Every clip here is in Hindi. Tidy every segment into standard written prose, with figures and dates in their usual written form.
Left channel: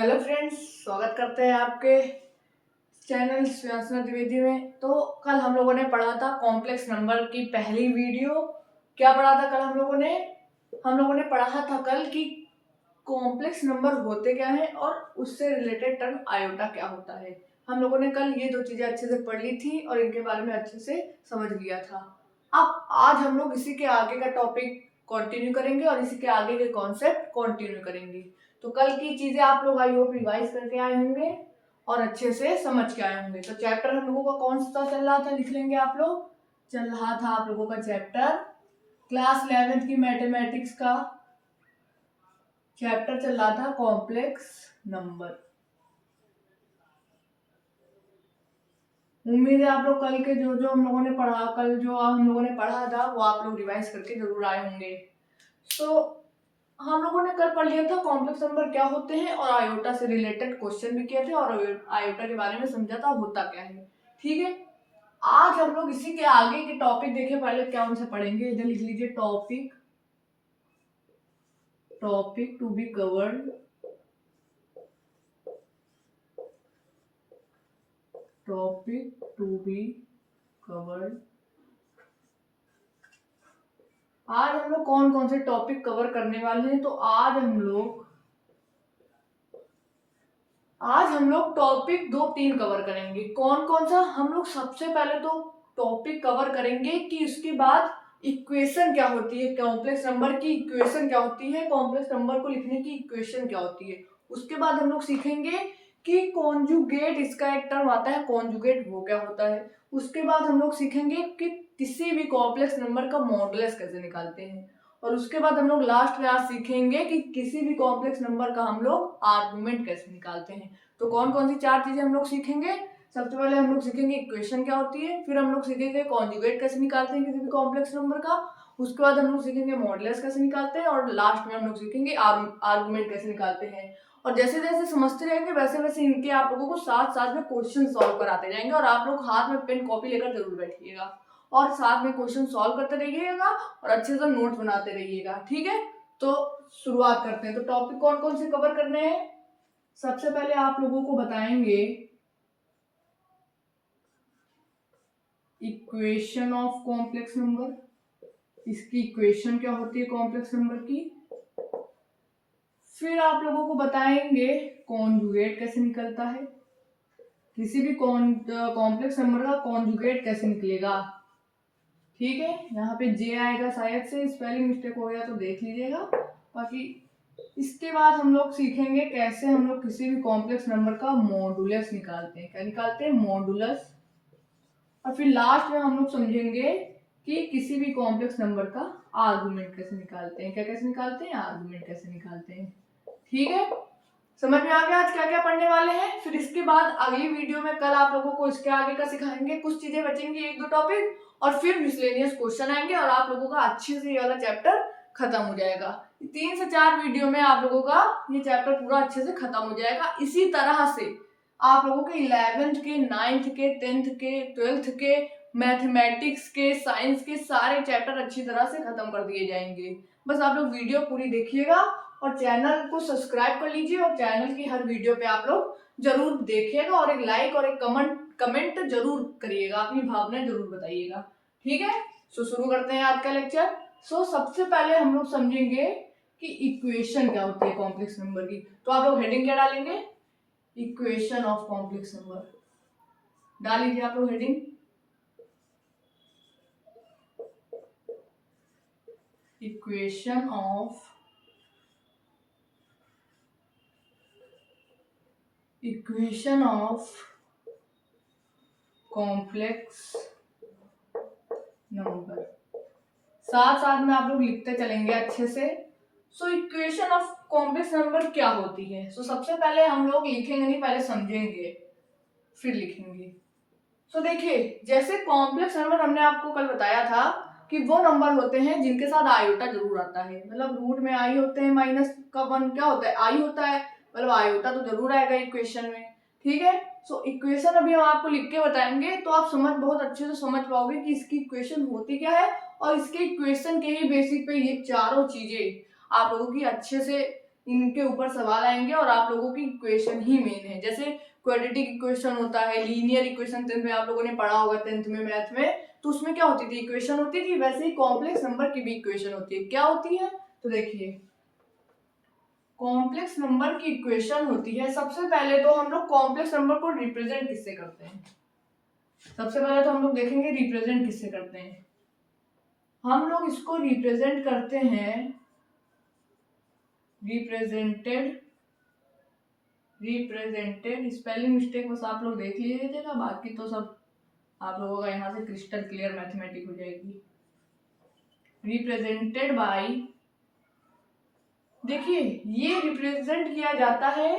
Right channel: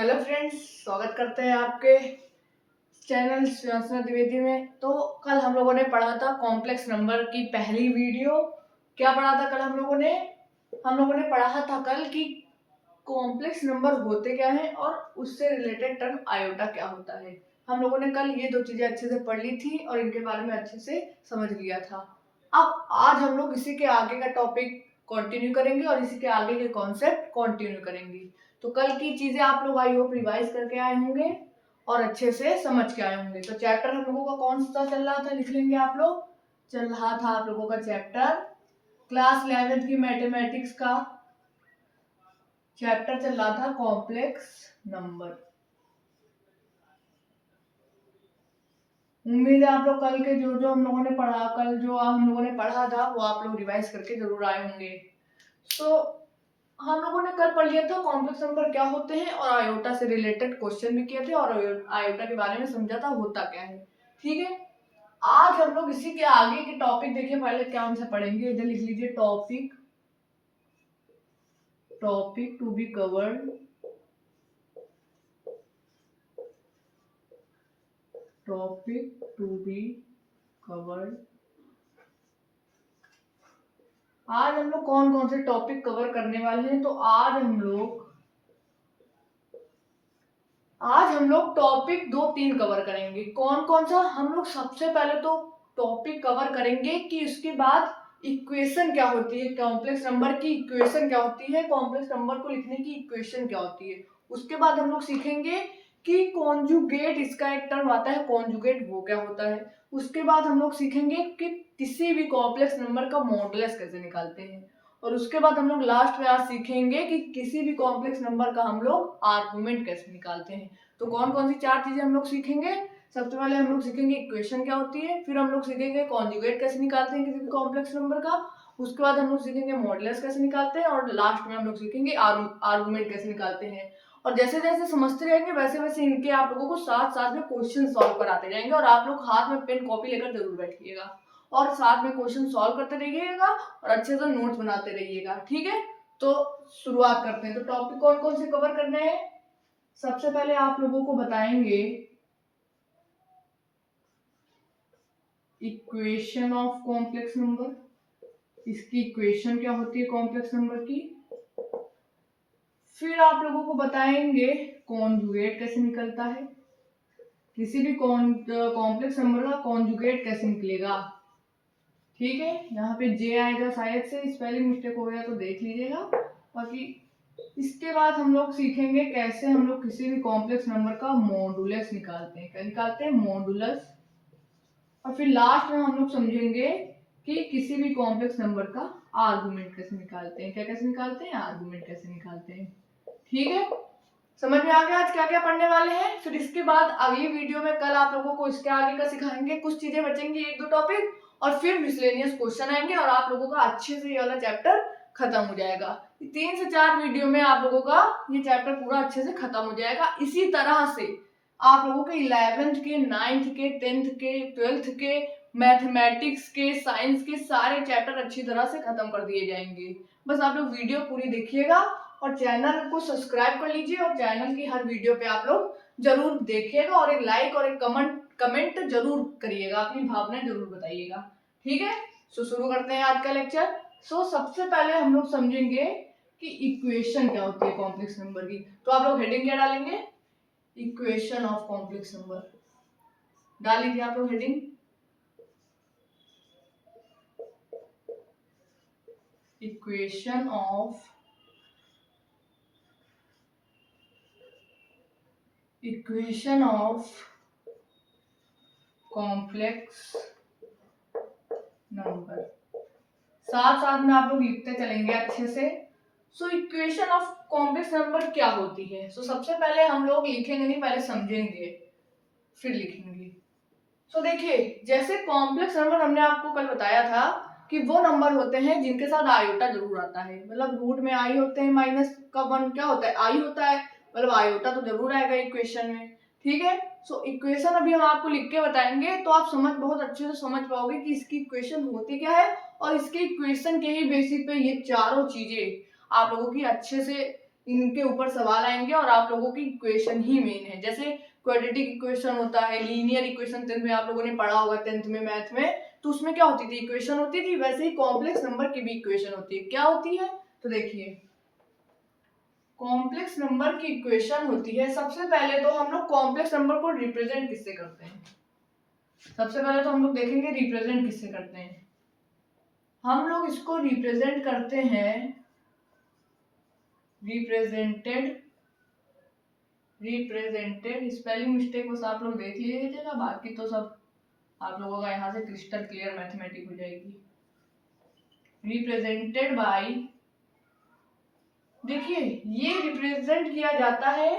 हेलो फ्रेंड्स, स्वागत करते हैं आपके चैनल श्रेयांशना द्विवेदी में। तो कल हम लोगों ने पढ़ा था कॉम्प्लेक्स नंबर की पहली वीडियो। क्या पढ़ा था कल हम लोगों ने पढ़ा था कल कि कॉम्प्लेक्स नंबर होते क्या हैं और उससे रिलेटेड टर्म आयोटा क्या होता है। हम लोगों ने कल ये दो चीजें अच्छे से पढ़ ली थी और इनके बारे में अच्छे से समझ लिया था। अब आज हम लोग इसी के आगे का टॉपिक कंटिन्यू करेंगे और इसी के आगे के कॉन्सेप्ट कंटिन्यू करेंगे। तो कल की चीजें आप लोग आई होप रिवाइज करके आए होंगे और अच्छे से समझ के आए होंगे। तो चैप्टर हम लोगों का कौन सा चल रहा था, लिख लेंगे आप लोग। चल रहा था आप लोगों का चैप्टर क्लास 11th की मैथमेटिक्स का चैप्टर चल रहा था कॉम्प्लेक्स नंबर। उम्मीद है आप लोग कल के जो हम लोगों ने पढ़ा था वो आप लोग रिवाइज करके जरूर आए होंगे। तो हम लोगों ने कल पढ़ लिया था कॉम्प्लेक्स नंबर क्या होते हैं और आयोटा से रिलेटेड क्वेश्चन भी किए थे और आयोटा के बारे में समझा था होता क्या है। ठीक है, आज हम लोग इसी के आगे के टॉपिक देखें। पहले क्या उनसे पढ़ेंगे, इधर लिख लीजिए topic to be covered. Topic to be covered. आज हम लोग कौन कौन से टॉपिक कवर करने वाले हैं। तो आज हम लोग टॉपिक 2-3 कवर करेंगे। कौन कौन सा? हम लोग सबसे पहले तो टॉपिक कवर करेंगे कि उसके बाद इक्वेशन क्या होती है, कॉम्प्लेक्स नंबर की इक्वेशन क्या होती है, कॉम्प्लेक्स नंबर को लिखने की इक्वेशन क्या होती है। उसके बाद हम लोग सीखेंगे कि कॉन्जुगेट, इसका एक टर्म आता है कॉन्जुगेट, वो क्या होता है। उसके बाद हम लोग सीखेंगे कि किसी भी कॉम्प्लेक्स नंबर का मॉडुलस कैसे निकालते हैं। और उसके बाद हम लोग लास्ट में आज सीखेंगे कि किसी भी कॉम्प्लेक्स नंबर का हम लोग आर्गुमेंट कैसे निकालते हैं। तो कौन कौन सी 4 चीजें हम लोग सीखेंगे? सबसे पहले हम लोग सीखेंगे इक्वेशन क्या होती है, फिर हम लोग सीखेंगे कॉन्जुगेट कैसे निकालते हैं किसी भी कॉम्प्लेक्स नंबर का, उसके बाद हम लोग सीखेंगे मॉडुलस कैसे निकालते हैं और लास्ट में हम लोग सीखेंगे आर्गुमेंट कैसे निकालते हैं। और जैसे जैसे समझते रहेंगे वैसे वैसे इनके आप लोगों को साथ साथ में क्वेश्चन सॉल्व कराते जाएंगे और आप लोग हाथ में पेन कॉपी लेकर जरूर बैठिएगा और साथ में क्वेश्चन सॉल्व करते रहिएगा और अच्छे से नोट्स बनाते रहिएगा। ठीक है, तो शुरुआत करते हैं। तो टॉपिक कौन कौन से कवर करने हैं? सबसे पहले आप लोगों को बताएंगे इक्वेशन ऑफ कॉम्प्लेक्स नंबर, इसकी इक्वेशन क्या होती है कॉम्प्लेक्स नंबर की। फिर आप लोगों को बताएंगे कॉन्जुगेट कैसे निकलता है, किसी भी कॉम्प्लेक्स नंबर का कॉन्जुगेट कैसे निकलेगा। ठीक है, यहाँ पे जे आएगा, शायद से स्पेलिंग मिस्टेक हो गया तो देख लीजिएगा। बाकी इसके बाद हम लोग सीखेंगे कैसे हम लोग किसी भी कॉम्प्लेक्स नंबर का मॉडुलस निकालते हैं। क्या निकालते हैं? मॉडुलस। और फिर लास्ट में हम लोग समझेंगे कि किसी भी कॉम्प्लेक्स नंबर का आर्गुमेंट कैसे निकालते हैं। क्या कैसे निकालते हैं? आर्गुमेंट कैसे निकालते हैं। ठीक है, समझ में आ गया आज क्या क्या पढ़ने वाले हैं। फिर इसके बाद अगली वीडियो में कल आप लोगों को इसके आगे का सिखाएंगे, कुछ चीजें बचेंगी 1-2 टॉपिक, और फिर मिसलेनियस क्वेश्चन आएंगे और आप लोगों का अच्छे से ये वाला चैप्टर खत्म हो जाएगा। 3 से 4 वीडियो में आप लोगों का ये चैप्टर पूरा अच्छे से खत्म हो जाएगा। इसी तरह से आप लोगों के 11th के, 9th के, 10th के, 12th के, मैथमेटिक्स के, साइंस के सारे चैप्टर अच्छी तरह से खत्म कर दिए जाएंगे। बस आप लोग वीडियो पूरी देखिएगा और चैनल को सब्सक्राइब कर लीजिए और चैनल की हर वीडियो पे आप लोग जरूर देखिएगा और एक लाइक और एक कमेंट जरूर करिएगा, अपनी भावनाएं जरूर बताइएगा। ठीक है, सो शुरू करते हैं आज का लेक्चर। सो सबसे पहले हम लोग समझेंगे कि इक्वेशन क्या होती है कॉम्प्लेक्स नंबर की। तो आप लोग हेडिंग क्या डालेंगे? इक्वेशन ऑफ कॉम्प्लेक्स नंबर डाल लीजिए आप लोग heading. Equation of complex number, साथ साथ में आप लोग लिखते चलेंगे अच्छे से। So equation of complex number क्या होती है? सो सबसे पहले हम लोग लिखेंगे नहीं, पहले समझेंगे फिर लिखेंगे। सो देखिए, जैसे कॉम्प्लेक्स नंबर हमने आपको कल बताया था कि वो नंबर होते हैं जिनके साथ आयोटा जरूर आता है। मतलब रूट में आई होते हैं, माइनस का 1 क्या होता है? आई होता है, मतलब आयोटा तो जरूर आएगा इक्वेशन में। ठीक है, सो इक्वेशन अभी हम आपको लिख के बताएंगे तो आप बहुत अच्छे से समझ पाओगे कि इसकी इक्वेशन होती क्या है और इसके इक्वेशन के ही बेसिस पे ये चारों चीजें आप लोगों की अच्छे से इनके ऊपर सवाल आएंगे और आप लोगों की इक्वेशन ही मेन है। जैसे क्वाड्रेटिक इक्वेशन होता है, लीनियर इक्वेशन 10th में आप लोगों ने पढ़ा होगा, 10th में मैथ में, तो उसमें क्या होती थी, इक्वेशन होती थी। वैसे ही कॉम्प्लेक्स नंबर की भी इक्वेशन होती है। क्या होती है, तो देखिए कॉम्प्लेक्स नंबर की इक्वेशन होती है, सबसे पहले तो हम लोग कॉम्प्लेक्स नंबर को रिप्रेजेंट किससे करते हैं, सबसे पहले तो हम लोग देखेंगे रिप्रेजेंट किससे करते हैं। हम लोग इसको रिप्रेजेंट करते हैं रिप्रेजेंटेड स्पेलिंग मिस्टेक बस आप लोग देख लीजिएगा, बाकी तो सब आप लोगों का यहाँ से क्रिस्टल क्लियर मैथमेटिक हो जाएगी। रिप्रेजेंटेड बाय, देखिए ये रिप्रेजेंट किया जाता है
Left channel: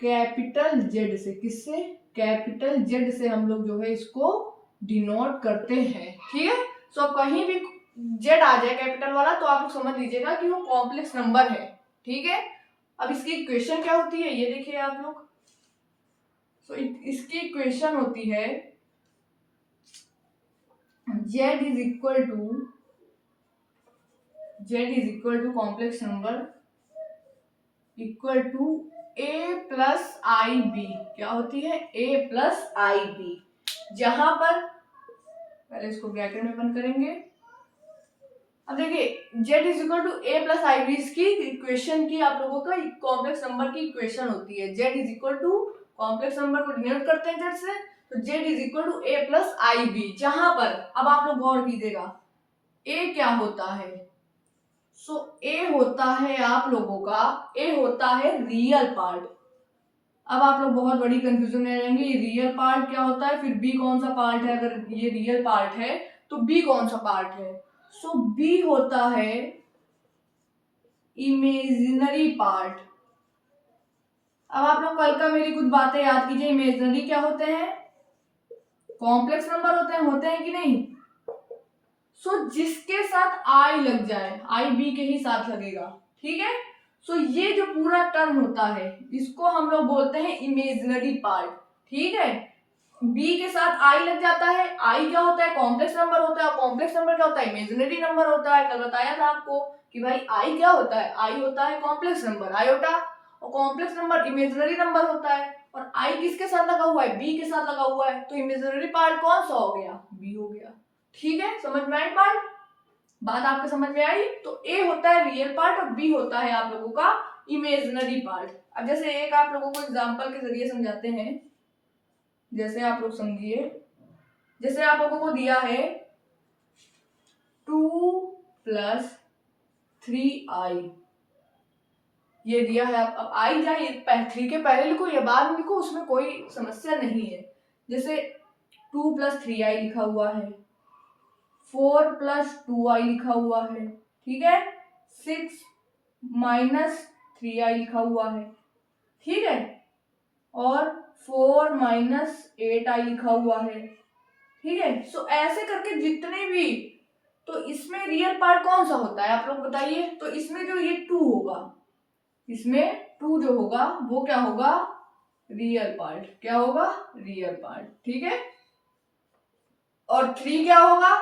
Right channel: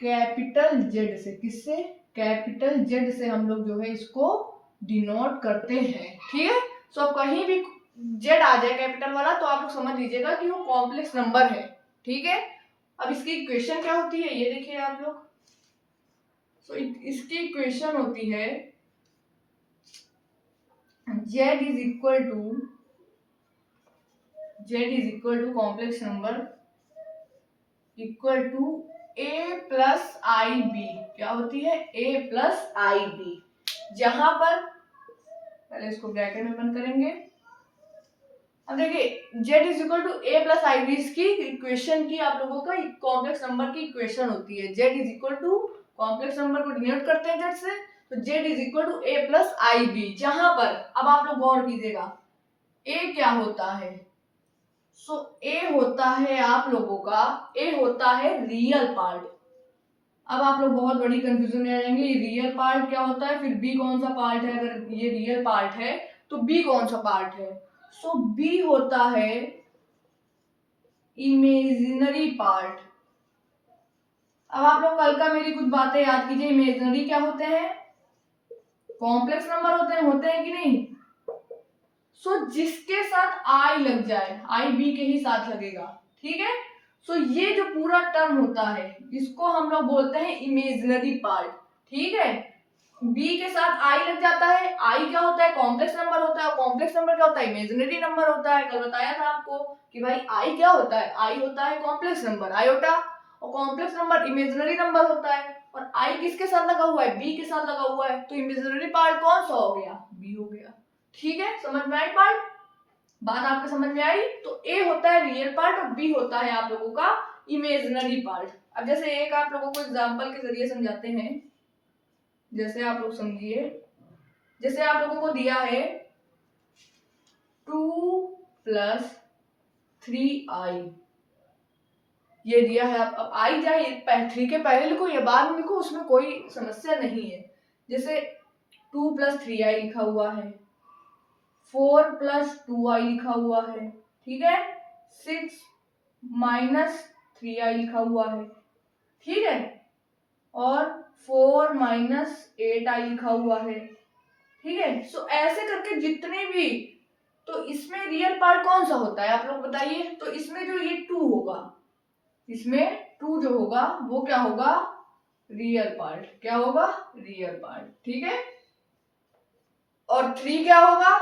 कैपिटल जेड से। किससे, कैपिटल जेड से हम लोग जो है इसको डिनोट करते हैं। ठीक है, सो कहीं भी जेड आ जाए कैपिटल वाला तो आप लोग समझ लीजिएगा कि वो कॉम्प्लेक्स नंबर है। ठीक है, अब इसकी इक्वेशन क्या होती है ये देखिए आप लोग। सो इसकी इक्वेशन होती है z is equal to complex number equal to a plus I B. क्या होती है, a प्लस आई बी, जहां पर पहले इसको ब्रैकेट में बंद करेंगे। अब देखिए z is equal to a plus I B, इसकी इक्वेशन की आप लोगों का कॉम्प्लेक्स नंबर की इक्वेशन होती है। z is equal to complex number को डिनोट करते हैं z से, तो z is equal to a plus I B, जहां पर अब आप लोग गौर कीजिएगा a क्या होता है। सो a होता है आप लोगों का, a होता है रियल पार्ट। अब आप लोग बहुत बड़ी कंफ्यूजन में रहेंगे, ये रियल पार्ट क्या होता है, फिर b कौन सा पार्ट है, अगर ये रियल पार्ट है तो b कौन सा पार्ट है। सो b होता है इमेजिनरी पार्ट। अब आप लोग कल का मेरी कुछ बातें याद कीजिए, इमेजिनरी क्या होते हैं, कॉम्प्लेक्स नंबर होते हैं कि नहीं। सो जिसके साथ आई लग जाए, आई बी के ही साथ लगेगा। ठीक है, सो ये जो पूरा टर्म होता है इसको हम लोग बोलते हैं इमेजिनरी पार्ट। ठीक है, बी के साथ आई लग जाता है, आई क्या होता है, कॉम्प्लेक्स नंबर होता है, और कॉम्प्लेक्स नंबर क्या होता है, इमेजिनरी नंबर होता है। कल बताया था आपको कि भाई आई क्या होता है, आई होता है कॉम्प्लेक्स नंबर आयोटा, और कॉम्प्लेक्स नंबर इमेजिनरी नंबर होता है, और आई किसके साथ लगा हुआ है, बी के साथ लगा हुआ है, तो इमेजिनरी पार्ट कौन सा हो गया, बी हो गया। ठीक है, समझ में आई पार्ट, बात आपके समझ में आई। तो ए होता है रियल पार्ट और बी होता है आप लोगों का इमेजिनरी पार्ट। अब जैसे एक आप लोगों को एग्जांपल के जरिए समझाते हैं, जैसे आप लोग समझिए, जैसे आप लोगों को दिया है 2 प्लस 3i, ये दिया है। अब आई जाए 3 के पहले लिखो या बाद में लिखो, उसमें कोई समस्या नहीं है। जैसे 2 प्लस 3i लिखा हुआ है, 4 प्लस 2i लिखा हुआ है, ठीक है, 6 माइनस 3i लिखा हुआ है, ठीक है, और 4 माइनस 8i लिखा हुआ है। ठीक है, सो ऐसे करके जितने भी, तो इसमें रियल पार्ट कौन सा होता है आप लोग बताइए। तो इसमें जो ये 2 होगा, इसमें 2 जो होगा वो क्या होगा, रियल पार्ट। क्या होगा, रियल पार्ट। ठीक है, और 3 क्या होगा,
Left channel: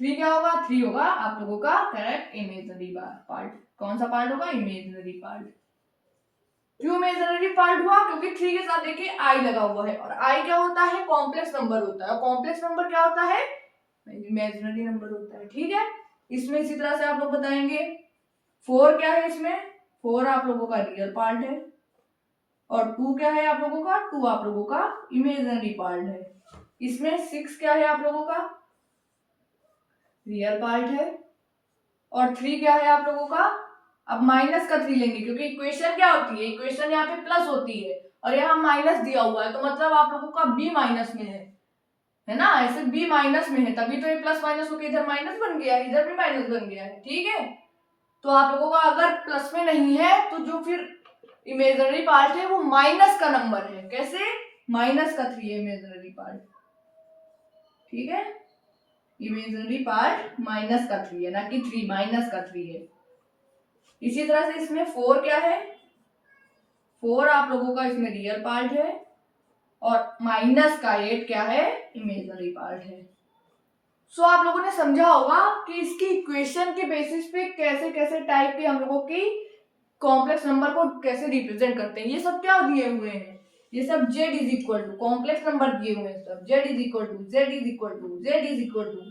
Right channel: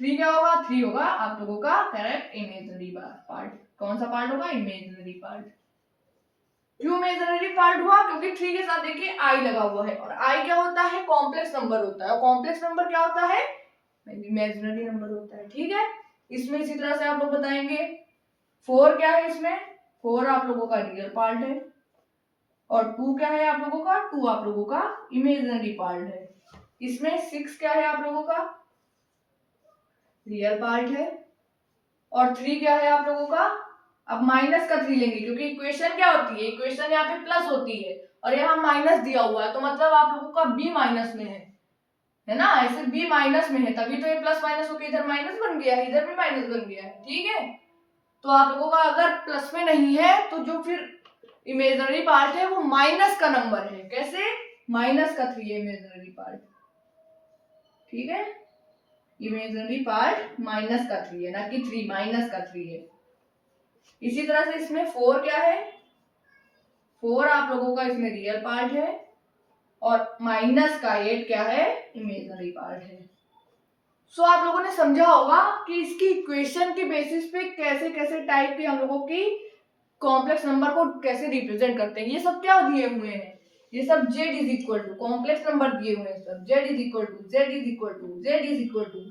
3 क्या होगा, 3 होगा आप लोगों का करेक्ट इमेजिनरी पार्ट। कौन सा पार्ट होगा, इमेजिनरी पार्ट। क्यों इमेजिनरी पार्ट हुआ, क्योंकि 3 के साथ देखिए आई लगा हुआ है, और आई क्या होता है, कॉम्प्लेक्स नंबर होता है, और कॉम्प्लेक्स नंबर क्या होता है, इमेजिनरी नंबर होता है। ठीक है, इसमें इसी तरह से आप लोग बताएंगे 4 क्या है, इसमें 4 आप लोगों का रियल पार्ट है, और 2 क्या है आप लोगों का, 2 आप लोगों का इमेजिनरी पार्ट है। इसमें 6 क्या है आप लोगों का, रियल पार्ट है, और 3 क्या है आप लोगों का, अब माइनस का 3 लेंगे क्योंकि इक्वेशन क्या होती है, इक्वेशन यहाँ पे प्लस होती है और यहाँ माइनस दिया हुआ है, तो मतलब आप लोगों का बी माइनस में है ना, ऐसे बी माइनस में है, तभी तो ये प्लस माइनस होकर इधर माइनस बन गया है, इधर भी माइनस बन गया है। ठीक है, तो आप लोगों का अगर प्लस में नहीं है तो जो फिर इमेजिनरी पार्ट है वो माइनस का नंबर है। कैसे, माइनस का 3 है इमेजिनरी पार्ट। ठीक है, इमेजिनरी पार्ट माइनस का 3 है, ना कि 3 माइनस का 3 है। इसी तरह से इसमें 4 क्या है, 4 आप लोगों का इसमें रियल पार्ट है, और माइनस का 8 क्या है, इमेजिनरी पार्ट है। सो आप लोगों ने समझा होगा कि इसकी इक्वेशन के बेसिस पे कैसे कैसे टाइप के हम लोगों की कॉम्प्लेक्स नंबर को कैसे रिप्रेजेंट करते हैं। ये सब क्या दिए हुए हैं, ये सब z is equal to complex number दिए हुए हैं, सब z is equal to z is equal to z is equal to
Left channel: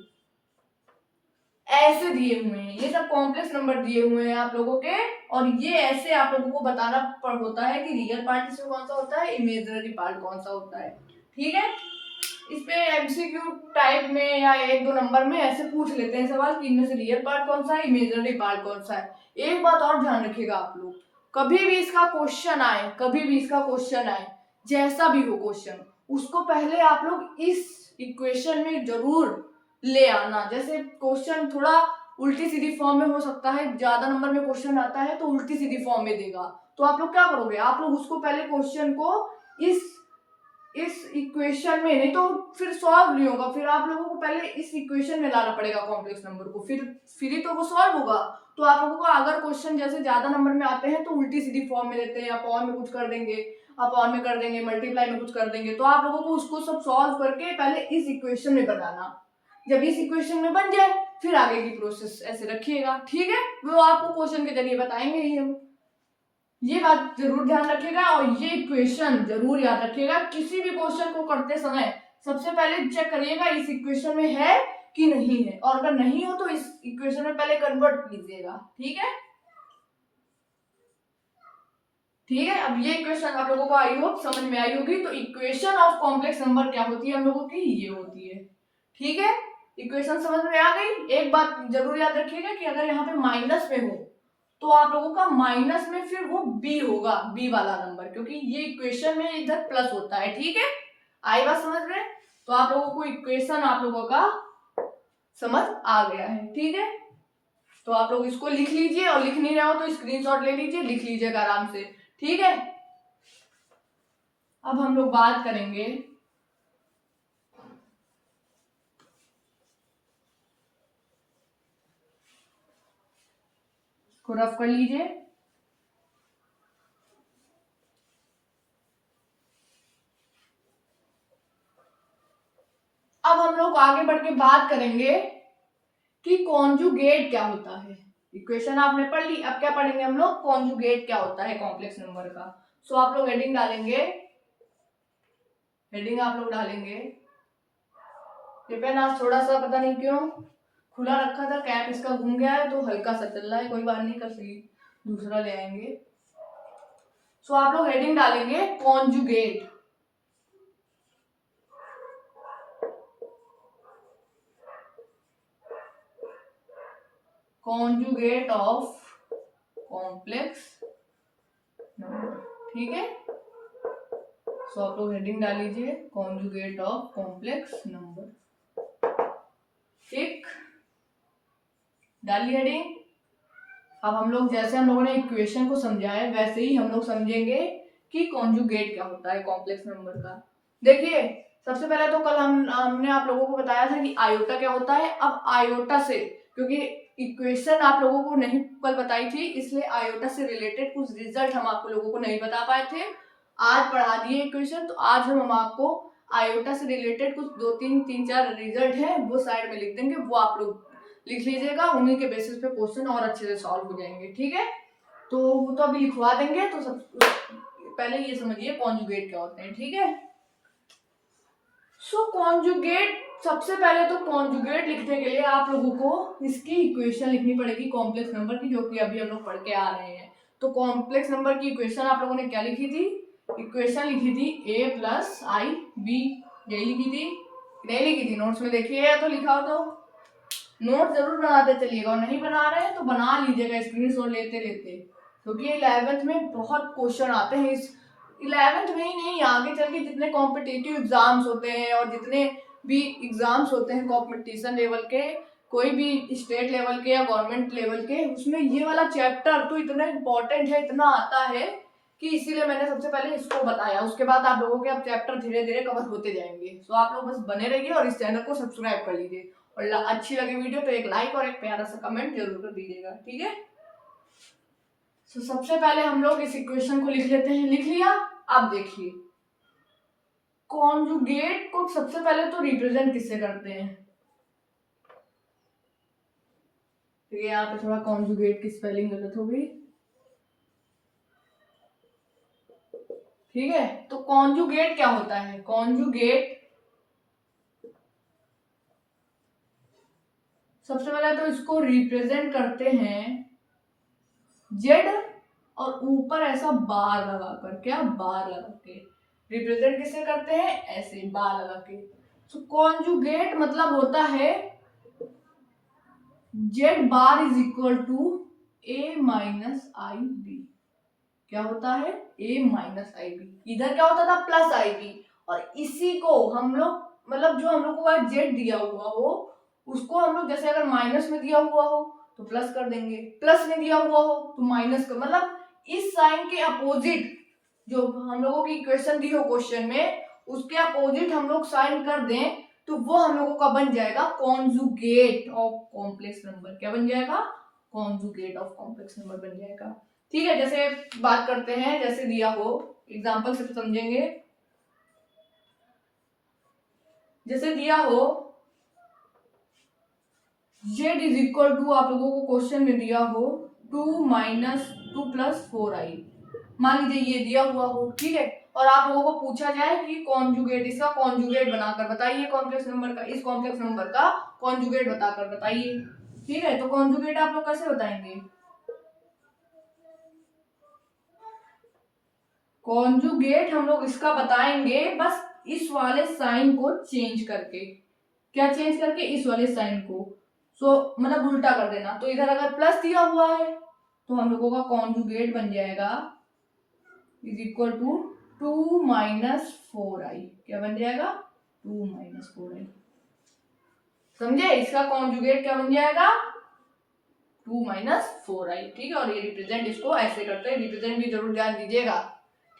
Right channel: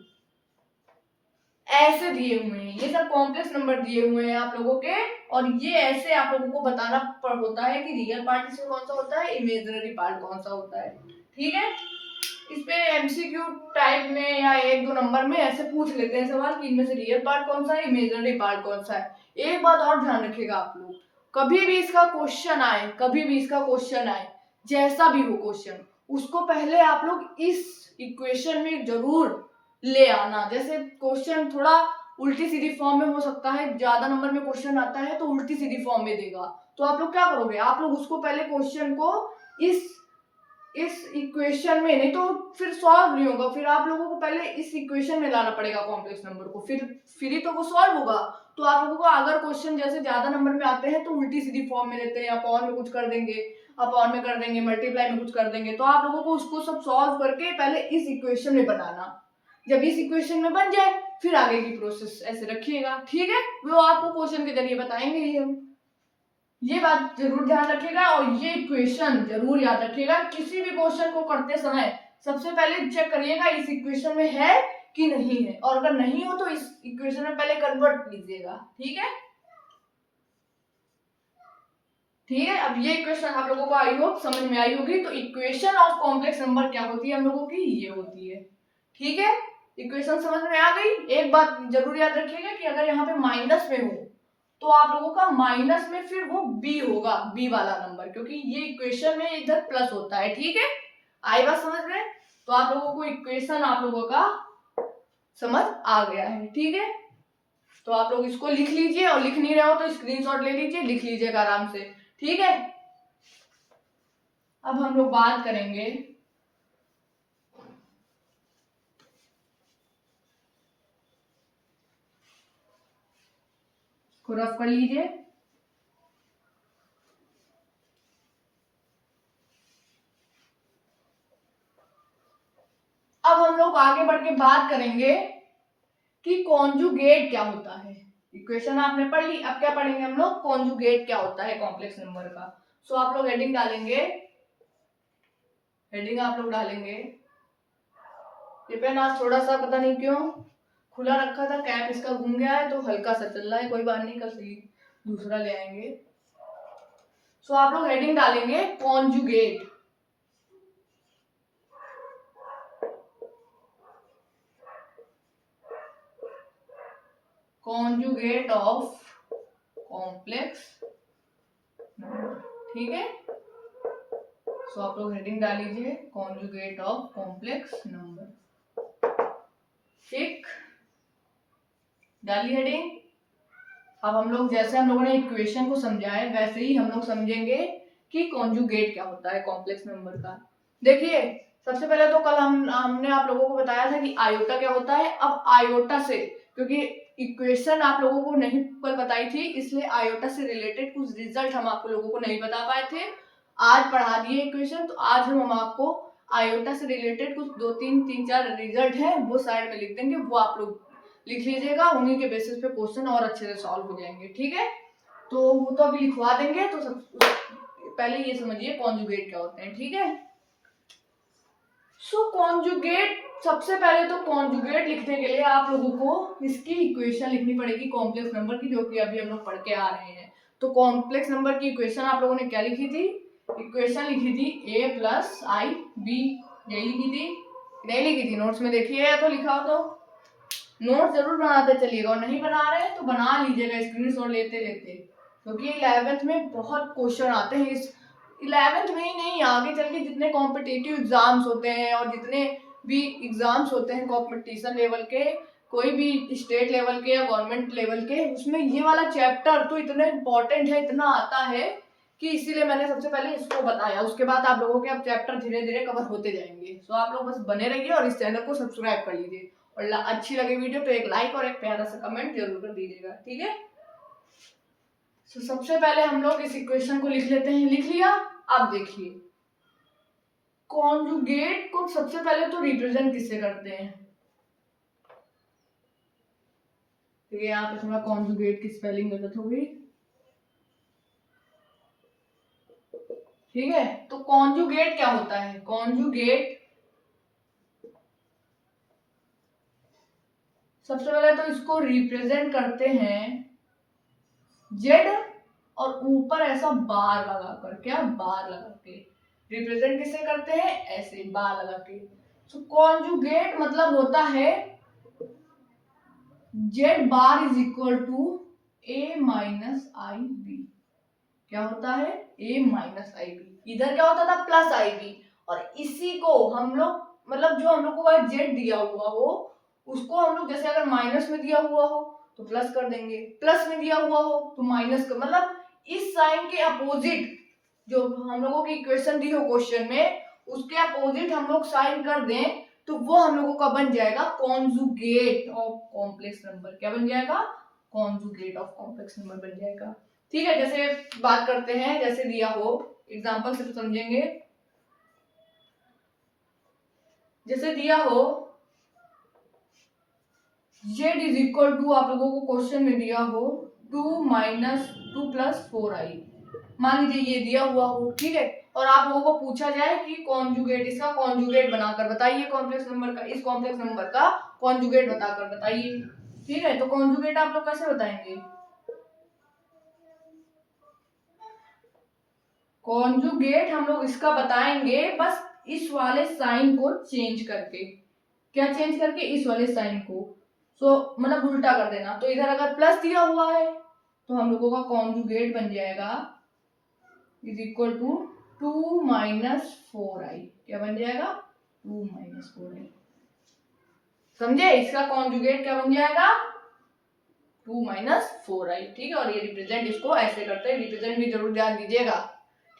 ऐसे दिए हुए हैं। ये सब कॉम्प्लेक्स नंबर दिए हुए हैं आप लोगों के, और ये ऐसे आप लोगों को बताना होता है कि रियल पार्ट इसमें कौन सा होता है, इमेजिनरी पार्ट कौन सा होता है। ठीक है, इस पे एमसीक्यू टाइप में या एक दो नंबर में ऐसे पूछ लेते हैं सवाल कि इनमें से रियल पार्ट कौन सा है, इमेजिनरी पार्ट कौन सा है। एक बात और ध्यान रखिएगा आप लोग, कभी भी इसका क्वेश्चन आए, कभी भी इसका क्वेश्चन आए, जैसा भी हो क्वेश्चन, उसको पहले आप लोग इस इक्वेशन में जरूर ले आना। जैसे क्वेश्चन थोड़ा उल्टी सीधी फॉर्म में हो सकता है, ज्यादा नंबर में क्वेश्चन आता है तो उल्टी सीधी फॉर्म में देगा, तो आप लोग क्या करोगे, आप लोग उसको पहले क्वेश्चन को इस इक्वेशन में, नहीं तो फिर सॉल्व नहीं होगा, फिर आप लोगों को पहले इस इक्वेशन में लाना पड़ेगा कॉम्प्लेक्स नंबर को, फिर ही तो वो सॉल्व होगा। तो आप लोगों को अगर क्वेश्चन जैसे ज्यादा नंबर में आते हैं तो उल्टी सीधी फॉर्म में देते हैं, अपॉन में कुछ कर देंगे, अपॉन में कर देंगे, मल्टीप्लाई में कुछ कर देंगे, तो आप लोगों को उसको सब सॉल्व करके पहले इस इक्वेशन में बनाना। जब इस इक्वेशन में बन जाए फिर आगे की प्रोसेस ऐसे रखिएगा। ठीक है, वो आपको क्वेश्चन के जरिए बताएंगे ही हम। ये बात जरूर ध्यान रखिएगा और ये इक्वेशन जरूर याद रखिएगा। किसी भी क्वेश्चन को करते समय सबसे पहले चेक करिएगा इस इक्वेशन में है कि नहीं है, और अगर नहीं हो तो इस इक्वेशन में पहले कन्वर्ट कीजिएगा। ठीक है, ठीक है। अब ये इक्वेशन आप लोगों को आई होप समझ में आई होगी। तो इक्वेशन ऑफ कॉम्प्लेक्स नंबर क्या होती है हम लोगों की, ये होती है। ठीक है, इक्वेशन समझ में आ गई। एक बात जरूर याद रखिएगा कि अगर यहाँ पे माइनस में हो तो आप लोगों का माइनस में फिर वो बी होगा, बी वाला नंबर, क्योंकि ये इक्वेशन में इधर प्लस होता है। ठीक है, आई बात समझ में। तो आप लोगों को इक्वेशन आप लोगों का समझ आ गया है। ठीक है, तो आप लोग इसको लिख लीजिए, और लिख नहीं रहे हो तो स्क्रीनशॉट ले लीजिए, लिख लीजिएगा आराम से। ठीक है, अब हम लोग बात करेंगे को रफ कर लीजिए। अब हम लोग आगे बढ़ के बात करेंगे कि कॉन्जुगेट क्या होता है। इक्वेशन आपने पढ़ ली, अब क्या पढ़ेंगे हम लोग, कॉन्जुगेट क्या होता है कॉम्प्लेक्स नंबर का। सो आप लोग हेडिंग डालेंगे, हेडिंग आप लोग डालेंगे, ये पेन आज थोड़ा सा पता नहीं क्यों खुला रखा था, कैप इसका घूम गया है तो हल्का सा चल रहा है, कोई बात नहीं, कल दूसरा ले आएंगे। सो आप लोग हेडिंग डालेंगे conjugate. Conjugate of complex number. ठीक है, सो आप लोग हेडिंग डाल लीजिए कॉन्जुगेट ऑफ कॉम्प्लेक्स नंबर। ठीक, डाली हेडिंग। अब हम लोग जैसे हम लोगों ने इक्वेशन को समझा है वैसे ही हम लोग समझेंगे कि कॉन्जुगेट क्या होता है कॉम्प्लेक्स नंबर का। देखिए, सबसे पहले तो कल हमने आप लोगों को बताया था कि आयोटा क्या होता है। अब आयोटा से, क्योंकि इक्वेशन आप लोगों को नहीं कल बताई थी, इसलिए आयोटा से रिलेटेड कुछ रिजल्ट हम आप लोगों को नहीं बता पाए थे, आज पढ़ा दिए इक्वेशन। तो आज हम आपको आयोटा से रिलेटेड कुछ तीन चार रिजल्ट है वो साइड में लिख देंगे, वो आप लोग लिख लीजिएगा, उन्हीं के बेसिस पे क्वेश्चन और अच्छे से सॉल्व हो जाएंगे। ठीक है, तो वो तो अभी लिखवा देंगे। तो सब पहले ये समझिए कॉन्जुगेट क्या होते हैं। ठीक है, सो कॉन्जुगेट, सबसे पहले तो कॉन्जुगेट लिखने के लिए आप लोगों को इसकी इक्वेशन लिखनी पड़ेगी कॉम्प्लेक्स नंबर की, जो कि अभी हम लोग पढ़ के आ रहे हैं। तो कॉम्प्लेक्स नंबर की इक्वेशन आप लोगों ने क्या लिखी थी, इक्वेशन लिखी थी a प्लस आई बी, यही लिखी थी, नहीं लिखी थी नोट्स में देखिए, तो लिखा हो तो नोट जरूर बनाते चलिएगा, और नहीं बना रहे हैं तो बना लीजिएगा स्क्रीनशॉट लेते लेते, क्योंकि 11th में बहुत क्वेश्चन आते हैं। इस 11th में ही नहीं, आगे चल के जितने कॉम्पिटिटिव एग्जाम्स होते हैं और जितने भी एग्जाम्स होते हैं कॉम्पिटिशन लेवल के, कोई भी स्टेट लेवल के या गवर्नमेंट लेवल के, उसमें ये वाला चैप्टर तो इतना इम्पोर्टेंट है, इतना आता है कि इसीलिए मैंने सबसे पहले इसको बताया। उसके बाद आप लोगों के अब चैप्टर धीरे धीरे कवर होते जाएंगे। तो आप लोग बस बने रहिए और इस चैनल को सब्सक्राइब कर लीजिए, और अच्छी लगे वीडियो तो एक लाइक और एक प्यारा सा कमेंट जरूर कर दीजिएगा। ठीक है, तो सबसे पहले हम लोग इस इक्वेशन को लिख लेते हैं। लिख लिया, अब देखिए कॉन्जुगेट को सबसे पहले तो रिप्रेजेंट किससे करते हैं, ठीक है, यहाँ पे थोड़ा कॉन्जुगेट की स्पेलिंग गलत हो गई। ठीक है, तो कॉन्जुगेट क्या होता है? कॉन्जुगेट सबसे पहले तो इसको रिप्रेजेंट करते हैं जेड और ऊपर ऐसा बार लगा कर, क्या बार लगा के रिप्रेजेंट किसे करते हैं? ऐसे बार लगा के। तो कॉन्जुगेट मतलब होता है Z bar is equal to A minus I B. क्या होता है? A minus I B. इधर क्या होता था? Plus I B. और इसी को हम लोग मतलब जो हम लोग को जेड दिया हुआ हो उसको हम लोग जैसे अगर माइनस में दिया हुआ हो तो प्लस कर देंगे, प्लस में दिया हुआ हो तो माइनस कर, मतलब इस साइन के अपोजिट जो हम लोगों की इक्वेशन दी हो क्वेश्चन में उसके अपोजिट हम लोग साइन कर दें तो वो हम लोगों का बन जाएगा कॉन्जुगेट ऑफ कॉम्प्लेक्स नंबर। क्या बन जाएगा? कॉन्जुगेट ऑफ कॉम्प्लेक्स नंबर बन जाएगा। ठीक है, जैसे बात करते हैं, जैसे दिया हो एग्जांपल से तो समझेंगे। जैसे दिया हो z इज इक्वल टू, आप लोगों को क्वेश्चन में दिया हो 2 माइनस 2 प्लस 4i, मान लीजिए ये दिया हुआ हो। ठीक है, और आप लोगों को पूछा जाए कि कॉन्जुगेट, इसका कॉन्जुगेट बनाकर बताइए, कॉम्प्लेक्स नंबर का, इस कॉम्प्लेक्स नंबर का कॉन्जुगेट बताकर बताइए। ठीक है, तो कॉन्जुगेट आप लोग कैसे बताएंगे? कॉन्जुगेट हम लोग इसका बताएंगे बस इस वाले साइन को चेंज करके। क्या चेंज करके? इस वाले साइन को। मतलब उल्टा कर देना। तो इधर अगर प्लस दिया हुआ है तो हम लोगों का कॉन्जुगेट बन जाएगा is equal to 2 minus 4i। क्या बन जाएगा? 2 माइनस 4i। समझे? इसका कॉन्जुगेट क्या बन जाएगा? 2 माइनस 4i। ठीक है, और ये रिप्रेजेंट इसको ऐसे करते हैं, रिप्रेजेंट भी जरूर ध्यान दीजिएगा।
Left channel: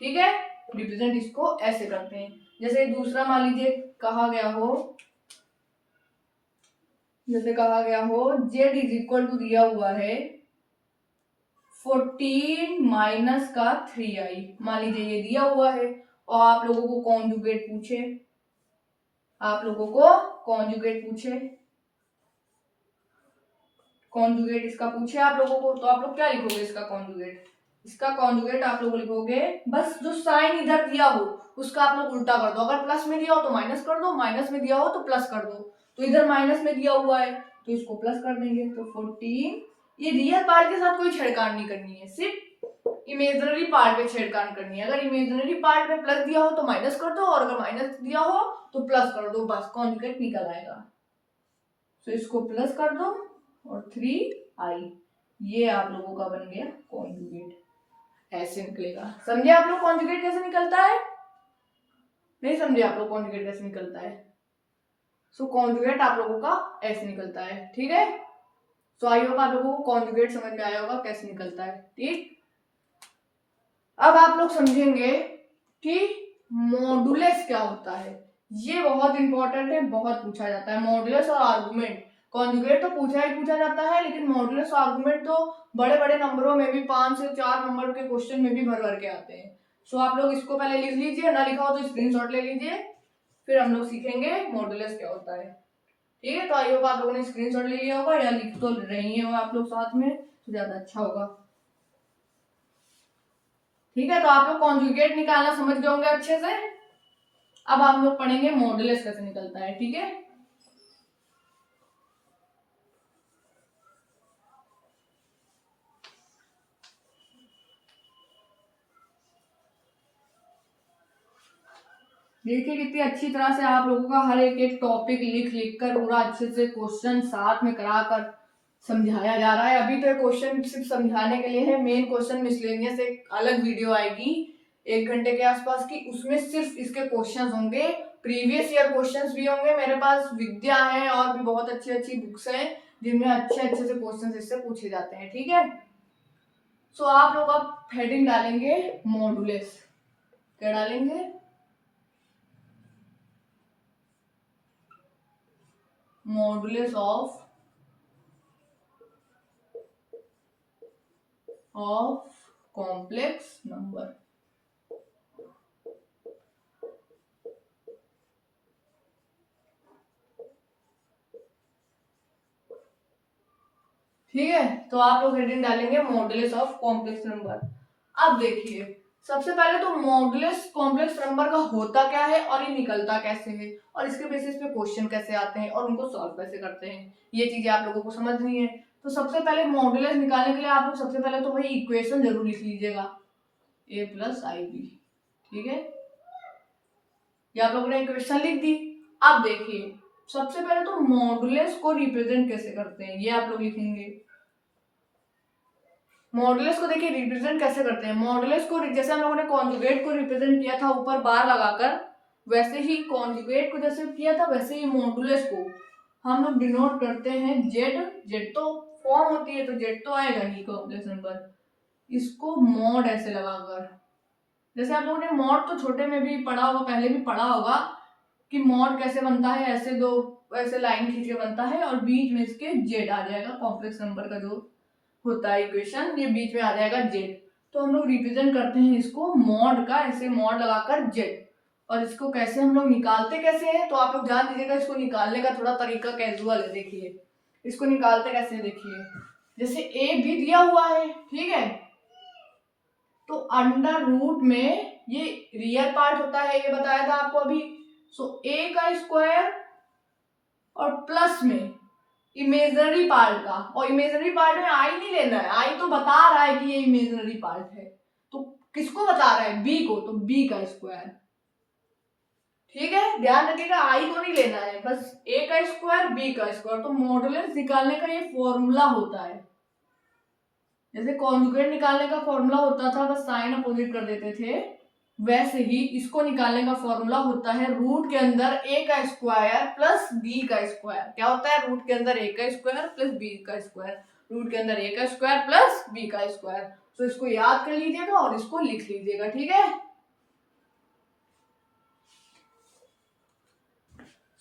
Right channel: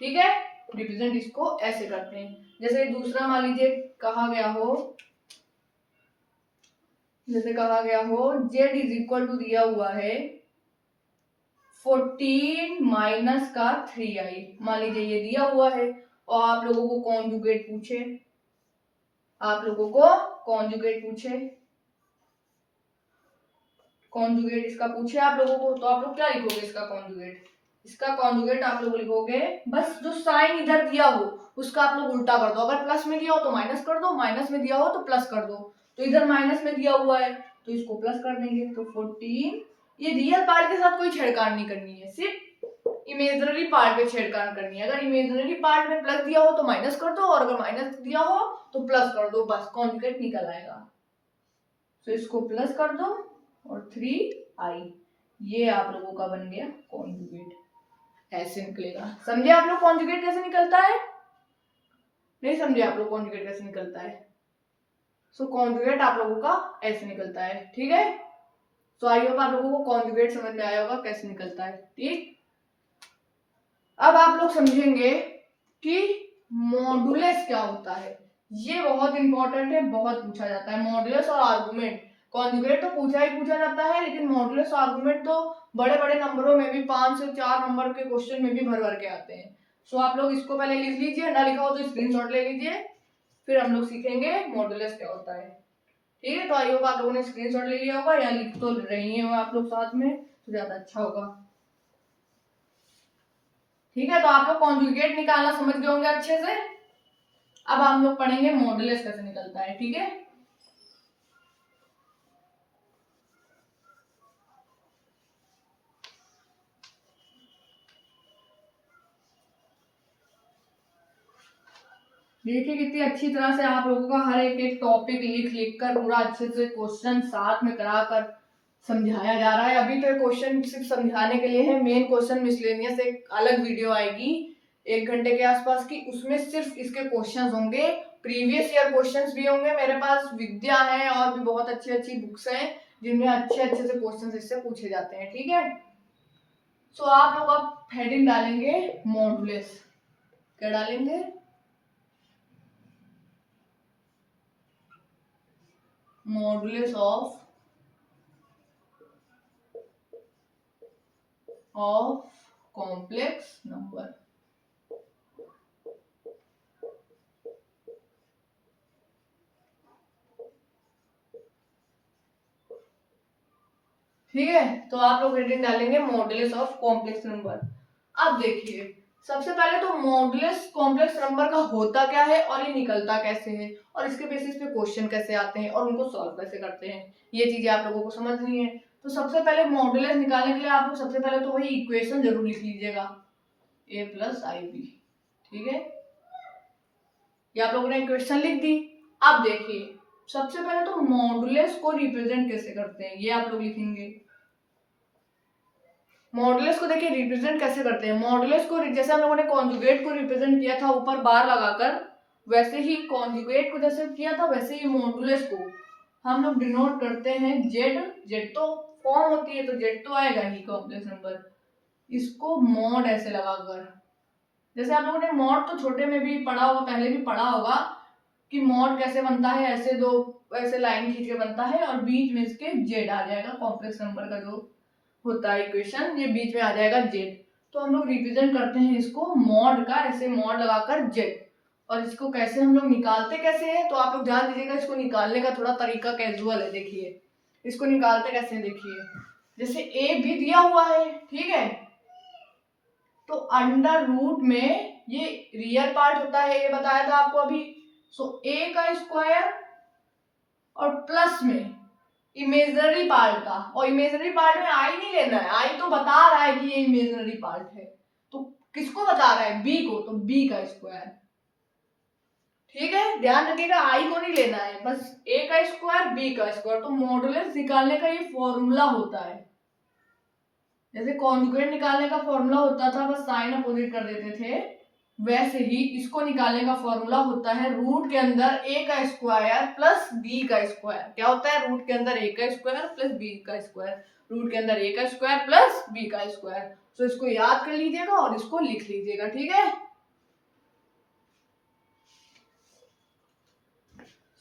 ठीक है, रिप्रेजेंट इसको ऐसे करते हैं। जैसे दूसरा मान लीजिए कहा गया हो, जैसे कहा गया हो z इज इक्वल टू दिया हुआ है 14 माइनस का 3i। मान लीजिए ये दिया हुआ है और आप लोगों को कॉन्जुगेट पूछे, आप लोगों को कॉन्जुगेट पूछे, कॉन्जुगेट इसका पूछे आप लोगों को, तो आप लोग क्या लिखोगे इसका कॉन्जुगेट? इसका कॉन्जुगेट आप लोग लिखोगे बस जो साइन इधर दिया हो उसका आप लोग उल्टा कर दो। अगर प्लस में दिया हो तो माइनस कर दो, माइनस में दिया हो तो प्लस कर दो। तो इधर माइनस में दिया हुआ है तो इसको प्लस कर देंगे। तो 14, ये रियल पार्ट के साथ कोई छेड़खानी नहीं करनी है, सिर्फ इमेजिनरी पार्ट पे छेड़खानी करनी है। अगर इमेजिनरी पार्ट में प्लस दिया हो तो माइनस कर दो, और अगर माइनस दिया हो तो प्लस कर दो, बस कॉन्जुगेट निकल आएगा। तो इसको प्लस कर दो और 3i, ये आप लोगों का बन गया कॉन्जुगेट। ऐसे निकलेगा। समझे आप लोग कॉन्जुगेट कैसे निकलता है? नहीं समझे आप लोग कॉन्जुगेट कैसे निकलता है? सो कॉन्जुगेट आप लोगों का ऐसे निकलता है। ठीक है, सो आई होप आप लोगों को कॉन्जुगेट समझ में आया होगा कैसे निकलता है। ठीक, अब आप लोग समझेंगे कि मॉडुलस क्या होता है। ये बहुत इंपॉर्टेंट है, बहुत पूछा जाता है मॉडुलस और आर्गुमेंट। कॉन्जुगेट तो पूछा ही पूछा जाता है, लेकिन मॉडुलस और आर्गुमेंट तो बड़े बड़े नंबरों में भी 5 से 4 नंबर के क्वेश्चन में भी भर भर के आते हैं। सो आप लोग इसको पहले लिख लीजिए, ना लिखा हो तो स्क्रीनशॉट ले लीजिए, फिर हम लोग सीखेंगे मॉडुलस क्या होता है। ठीक है, तो आई होप आप लोगों ने स्क्रीनशॉट ले लिया होगा या लिख तो रही है आप लोग साथ में, तो ज्यादा अच्छा होगा। ठीक है, तो आप लोग कॉन्जुगेट निकालना समझ गए होंगे अच्छे से। अब हम लोग पढ़ेंगे मॉडुलस कैसे निकलता है। ठीक है, देखिए कितनी अच्छी तरह से आप लोगों का हर एक एक टॉपिक लिख लिख कर पूरा अच्छे से क्वेश्चन साथ में कराकर समझाया जा रहा है। अभी तो क्वेश्चन सिर्फ समझाने के लिए है, मेन क्वेश्चन मिसलेनियस एक अलग वीडियो आएगी 1 घंटे के आसपास की, उसमें सिर्फ इसके क्वेश्चंस होंगे, प्रीवियस ईयर क्वेश्चंस भी होंगे। मेरे पास विद्या है और भी बहुत अच्छी अच्छी बुक्स हैं जिनमें अच्छे अच्छे से क्वेश्चंस इससे पूछे जाते हैं। ठीक है, सो आप लोग अब हेडिंग डालेंगे मॉडुलस। क्या डालेंगे? Modulus of complex number. ठीक है, तो आप लोग हेडिंग डालेंगे मॉडुलस ऑफ कॉम्प्लेक्स नंबर। अब देखिए, सबसे पहले तो मॉडुलस कॉम्प्लेक्स नंबर का होता क्या है और ये निकलता कैसे है और इसके बेसिस पे क्वेश्चन कैसे आते हैं और उनको सॉल्व कैसे करते हैं, ये चीजें आप लोगों को समझनी है। तो सबसे पहले मॉडुलस निकालने के लिए आप लोग सबसे पहले तो वही इक्वेशन जरूर लिख लीजिएगा, a प्लस आई बी। ठीक है, ये आप लोगों ने इक्वेशन लिख दी। अब देखिए, सबसे पहले तो मॉडुलस को रिप्रेजेंट कैसे करते हैं ये आप लोग लिखेंगे। मॉडुलस को देखिए रिप्रेजेंट कैसे करते हैं। मॉडुलस को जैसे हम लोगों ने कॉन्जुगेट को रिप्रेजेंट किया था ऊपर बार लगाकर, वैसे ही कॉन्जुगेट को जैसे किया था वैसे ही मॉडुलस को हम लोग डिनोट करते हैं जेड। जेड तो फॉर्म होती है तो जेड तो आएगा ही कॉम्प्लेक्स नंबर, इसको मॉड ऐसे लगाकर। जैसे आप लोगों ने मॉड तो छोटे में भी पढ़ा होगा, पहले भी पढ़ा होगा कि मॉड कैसे बनता है, ऐसे दो ऐसे लाइन खींच के बनता है और बीच में इसके जेड आ जाएगा। कॉम्प्लेक्स नंबर का जो होता है इक्वेशन, ये बीच में आ जाएगा जेड। तो हम लोग रिप्रेजेंट करते हैं इसको मॉड का, ऐसे मॉड लगाकर जेड। और इसको कैसे हम लोग निकालते कैसे हैं, तो आप लोग ध्यान दीजिएगा, इसको निकालने का थोड़ा तरीका कैजुअल है। देखिए इसको निकालते कैसे, देखिए जैसे ए भी दिया हुआ है, ठीक है, तो अंडर रूट में ये रियल पार्ट होता है, ये बताया था आपको अभी। सो ए का स्क्वायर और प्लस में इमेजनरी पार्ट का, और इमेजनरी पार्ट में आई नहीं लेना है, आई तो बता रहा है कि ये इमेजनरी पार्ट है, तो किसको बता रहा है, बी को, तो बी का स्क्वायर। ठीक है, ध्यान रखिएगा आई को नहीं लेना है, बस ए का स्क्वायर बी का स्क्वायर। तो मॉडुलस निकालने का ये फॉर्मूला होता है, जैसे कॉन्जुगेट निकालने का फॉर्मूला होता था बस साइन अपोजिट कर देते थे, वैसे ही इसको निकालने का फॉर्मूला होता है रूट के अंदर ए का स्क्वायर प्लस बी का स्क्वायर। क्या होता है, रूट के अंदर ए का स्क्वायर प्लस बी का स्क्वायर, रूट के अंदर ए का स्क्वायर प्लस बी का स्क्वायर। तो इसको याद कर लीजिएगा और इसको लिख लीजिएगा। ठीक है,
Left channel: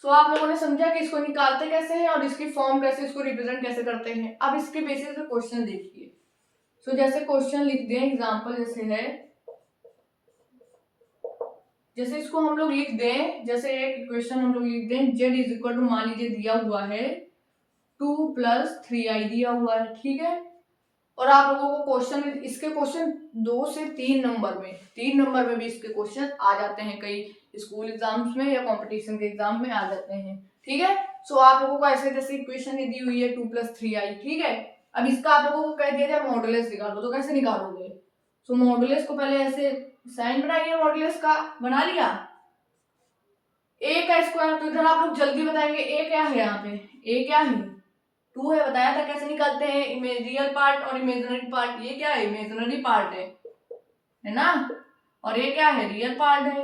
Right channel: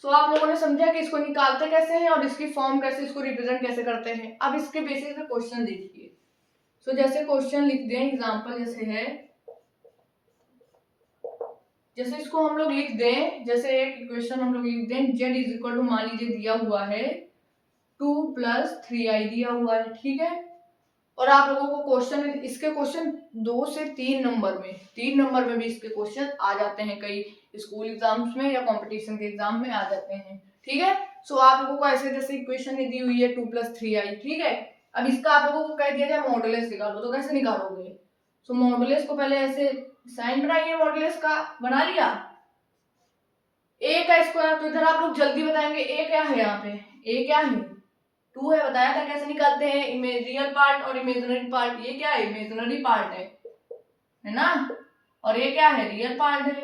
सो आप लोगों ने समझा कि इसको निकालते कैसे हैं और इसकी फॉर्म कैसे, इसको रिप्रेजेंट कैसे करते हैं। अब इसके बेसिस पे क्वेश्चन देखिए। सो जैसे क्वेश्चन लिख दें, एग्जांपल जैसे है, जैसे इसको हम लोग लिख दें, जैसे एक इक्वेशन हम लोग लिख दें, z इज इक्वल टू मान लीजिए दिया हुआ है 2 + 3i दिया हुआ है। ठीक है, और आप लोगों को क्वेश्चन, इसके क्वेश्चन 2 से 3 नंबर में, 3 नंबर में भी इसके क्वेश्चन आ जाते हैं, कई स्कूल एग्जाम्स में या कंपटीशन के एग्जाम में आ जाते हैं। ठीक है, सो आप लोगों को ऐसे जैसे इक्वेशन दी हुई है 2 + 3i। ठीक है, अब इसका आप लोगों को कह दिया जाए मॉडुलस निकालो, तो कैसे निकालोगे। सो मॉडुलस को पहले ऐसे साइन बनाइए, मॉडुलस का बना लिया, ए का स्क्वायर, तो इधर आप लोग जल्दी बताएंगे ए क्या है, यहाँ पे ए क्या है 2 है, बताया था कैसे निकालते हैं, रियल पार्ट और इमेजिनरी पार्ट। ये क्या है, इमेजिनरी पार्ट है ना, और ये क्या है, रियल पार्ट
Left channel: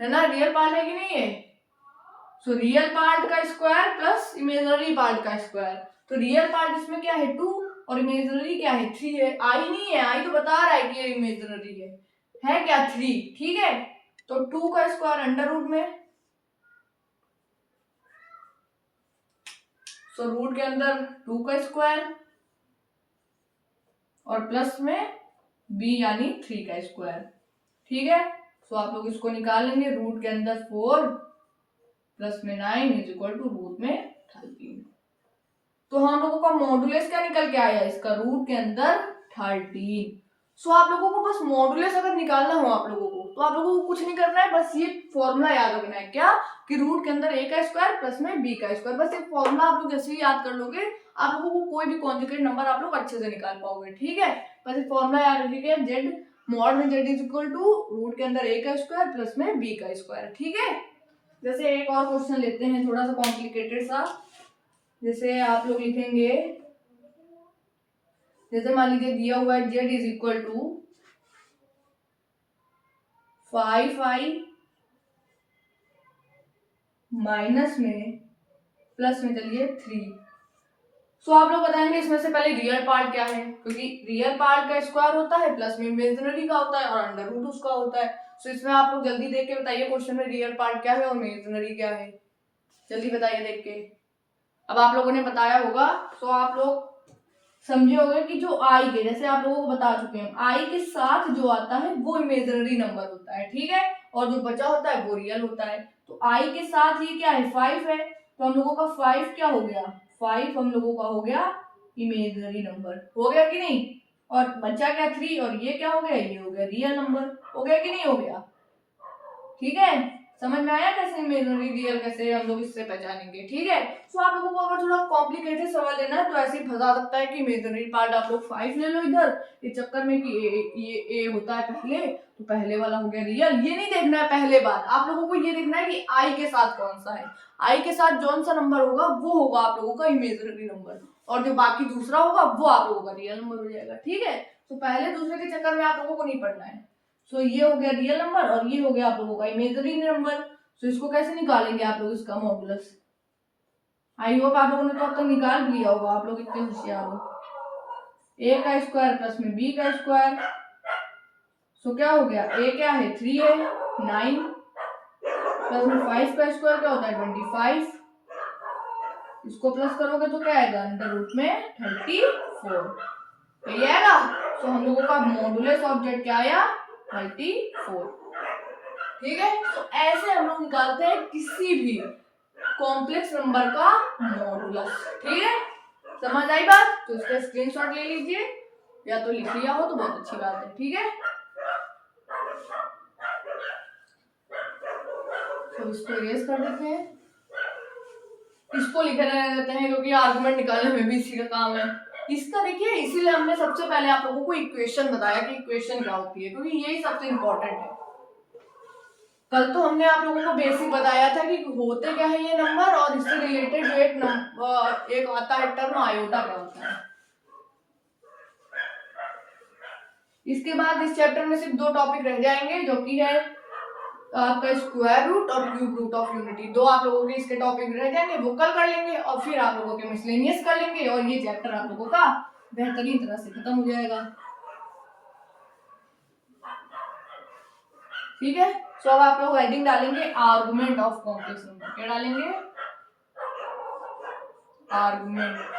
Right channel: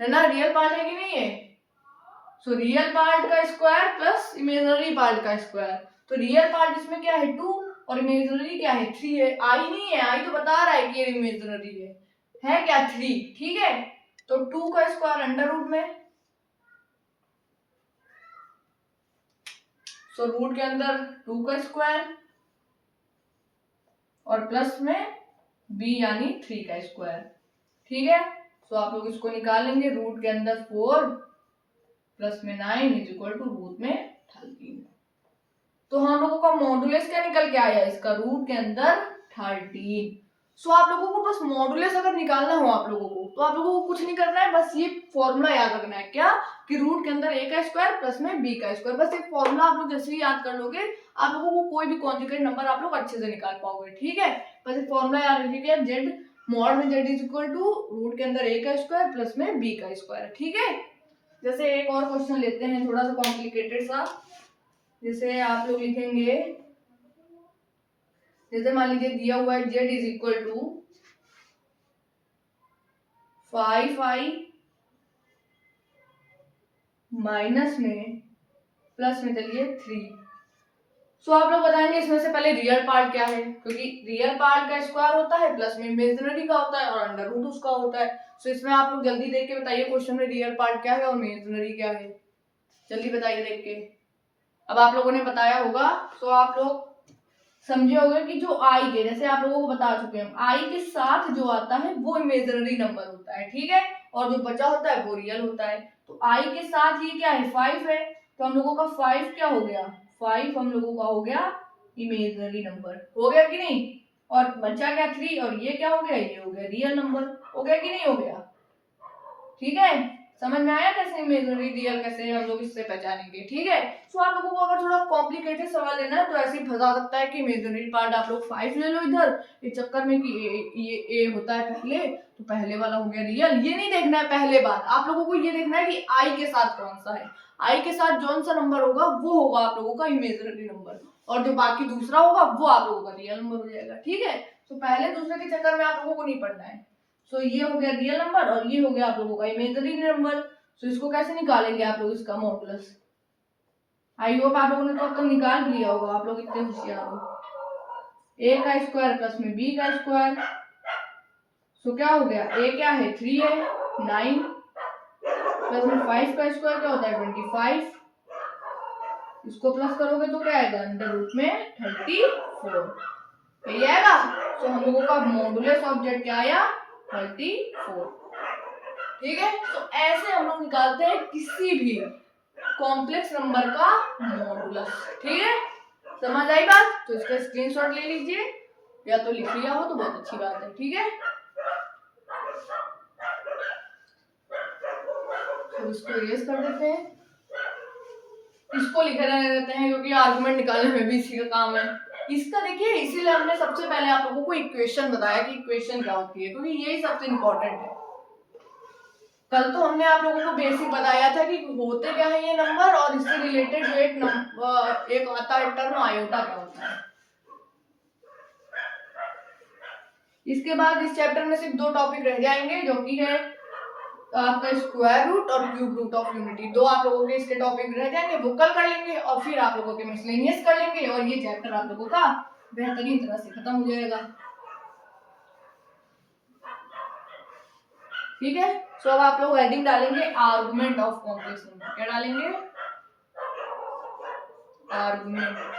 है ना, रियल पार्ट है कि नहीं है। सो रियल पार्ट का स्क्वायर प्लस इमेजिनरी पार्ट का स्क्वायर, तो रियल पार्ट इसमें क्या है 2 और इमेजिनरी क्या है 3 है। आई नहीं है, आई तो बता रहा है कि ये इमेजिनरी है क्या 3। ठीक है, तो 2 का स्क्वायर अंडर रूट में, सो रूट के अंदर 2 का स्क्वायर और प्लस में b यानी 3 का स्क्वायर। ठीक है, सो आप लोग इसको निकालेंगे, रूट के अंदर 4 प्लस में 9 इज इक्वल टू रूट में 13। तो हम लोगों का मॉडुलस क्या निकल के आया, इसका रूट के अंदर 13। सो आप लोगों को बस मॉडुलस अगर निकालना हो आप लोगों को, तो आप लोगों को कुछ नहीं करना है, बस ये फॉर्मूला याद रखना है, क्या कि रूट के अंदर a का स्क्वायर प्लस में b का स्क्वायर। बस एक फॉर्मूला आप लोग जैसे ही याद कर लोगे, आप लोगों को कोई भी कॉन्जुगेट नंबर आप लोग अच्छे से निकाल पाओगे। ठीक है, बस एक फॉर्मूला याद रखिएगा, जेड मॉड में z is equal to root के अंदर a का स्क्वायर प्लस में b का स्क्वायर। ठीक है, जैसे एक और क्वेश्चन लेते हैं थोड़ा सा कॉम्प्लिकेटेड सा, जैसे आप लोग लिखेंगे, जैसे मान लीजिए दिया हुआ है z is equal to 5i minus में प्लस में चलिए 3। सो आप लोग बताएंगे इसमें से पहले रियल पार्ट क्या है, क्योंकि रियल पार्ट का स्क्वायर होता है प्लस में इमेजिनरी का होता है और अंडर रूट उसका होता है। सो इसमें आप लोग जल्दी देख के बताइए क्वेश्चन में रियल पार्ट क्या है और इमेजिनरी क्या है, जल्दी बताइए देख के। अब आप लोगों ने बताया होगा, सो आप लोग समझे होंगे कि जो आई के, जैसे आप लोगों को बता चुके हैं, आई के साथ जो आता है वो इमेजिनरी नंबर होता है। ठीक है, और जो बचा होता है वो रियल होता है। तो आई के साथ ये क्या है 5 है, तो हम लोगों का 5 क्या हो गया, 5 हम लोगों का हो गया इमेजिनरी नंबर। हो गया कि नहीं? और बचा क्या 3, और ये क्या हो गया, ये हो गया रियल नंबर। हो गया कि नहीं हो गया? ठीक है, समझ में आया कैसे इमेजिनरी रियल कैसे हम लोग इससे पहचानेंगे? ठीक है, तो आप लोगों को अगर थोड़ा कॉम्प्लिकेटेड सवाल लेना है तो ऐसे ही फंसा सकता है कि इमेजिनरी पार्ट आप लोग 5 ले लो इधर, इस चक्कर में कि ये होता है पहले, तो पहले वाला हो गया रियल। ये नहीं देखना है पहले बात, आप लोगों को ये देखना है कि आई के साथ कौन सा है, आई के साथ जौन सा नंबर होगा वो होगा आप लोगों का इमेजिनरी नंबर, और जो बाकी दूसरा होगा वो आप लोगों का रियल नंबर हो जाएगा। ठीक है, तो पहले दूसरे के चक्कर में आप लोगों को नहीं पड़ना है। सो ये हो गया रियल नंबर और ये हो गया आप लोगों का इमेजिनरी नंबर। सो इसको कैसे निकालेंगे आप लोग, इसका मॉडुलस? आई होप आप लोगों ने तो अब तक निकाल लिया होगा, आप लोग इतने होशियार हो। ए का स्क्वायर प्लस में बी का स्क्वायर, सो क्या हो गया, ए क्या है 3 है, 9 प्लस में 5 का स्क्वायर क्या होता है 25, इसको प्लस करोगे तो क्या आएगा अंडर रूट में 34, यही आएगा। तो हम लोगों का मॉडुलस ऑफ जेड क्या आया 34। ठीक है, तो ऐसे हम लोग निकालते हैं किसी भी कॉम्प्लेक्स नंबर का मॉडुलस। ठीक है, समझ आई बात? तो इसका स्क्रीनशॉट ले लीजिए, या तो लिख लिया हो तो बहुत अच्छी बात है। ठीक है, तो इसको इरेज कर देते हैं, इसको लिखे रहते हैं क्योंकि आर्गुमेंट निकालने में भी इसी का काम है। इसका देखिए, इसीलिए हमने सबसे पहले आप लोगों को इक्वेशन बताया कि इक्वेशन क्या होती है, क्योंकि यही सबसे इंपॉर्टेंट है। कल तो हमने आप लोगों को बेसिक बताया था कि होते क्या है ये नंबर, और इससे रिलेटेड जो एक आता है टर्म आयोटा क्या होता है। इसके बाद इस चैप्टर में सिर्फ 2 टॉपिक रह जाएंगे, जो कि है आपका स्क्वायर रूट और क्यूब रूट ऑफ यूनिटी। 2 आप लोगों के इसके टॉपिक रह जाएंगे, वो कल कर लेंगे, और फिर आप लोगों के मिसलेनियस कर लेंगे, और ये चैप्टर आप लोगों का बेहतरीन तरह से खत्म हो जाएगा। ठीक है, सो अब आप लोग हेडिंग डालेंगे आर्गुमेंट ऑफ कॉम्प्लेक्स नंबर। क्या डालेंगे? Argument.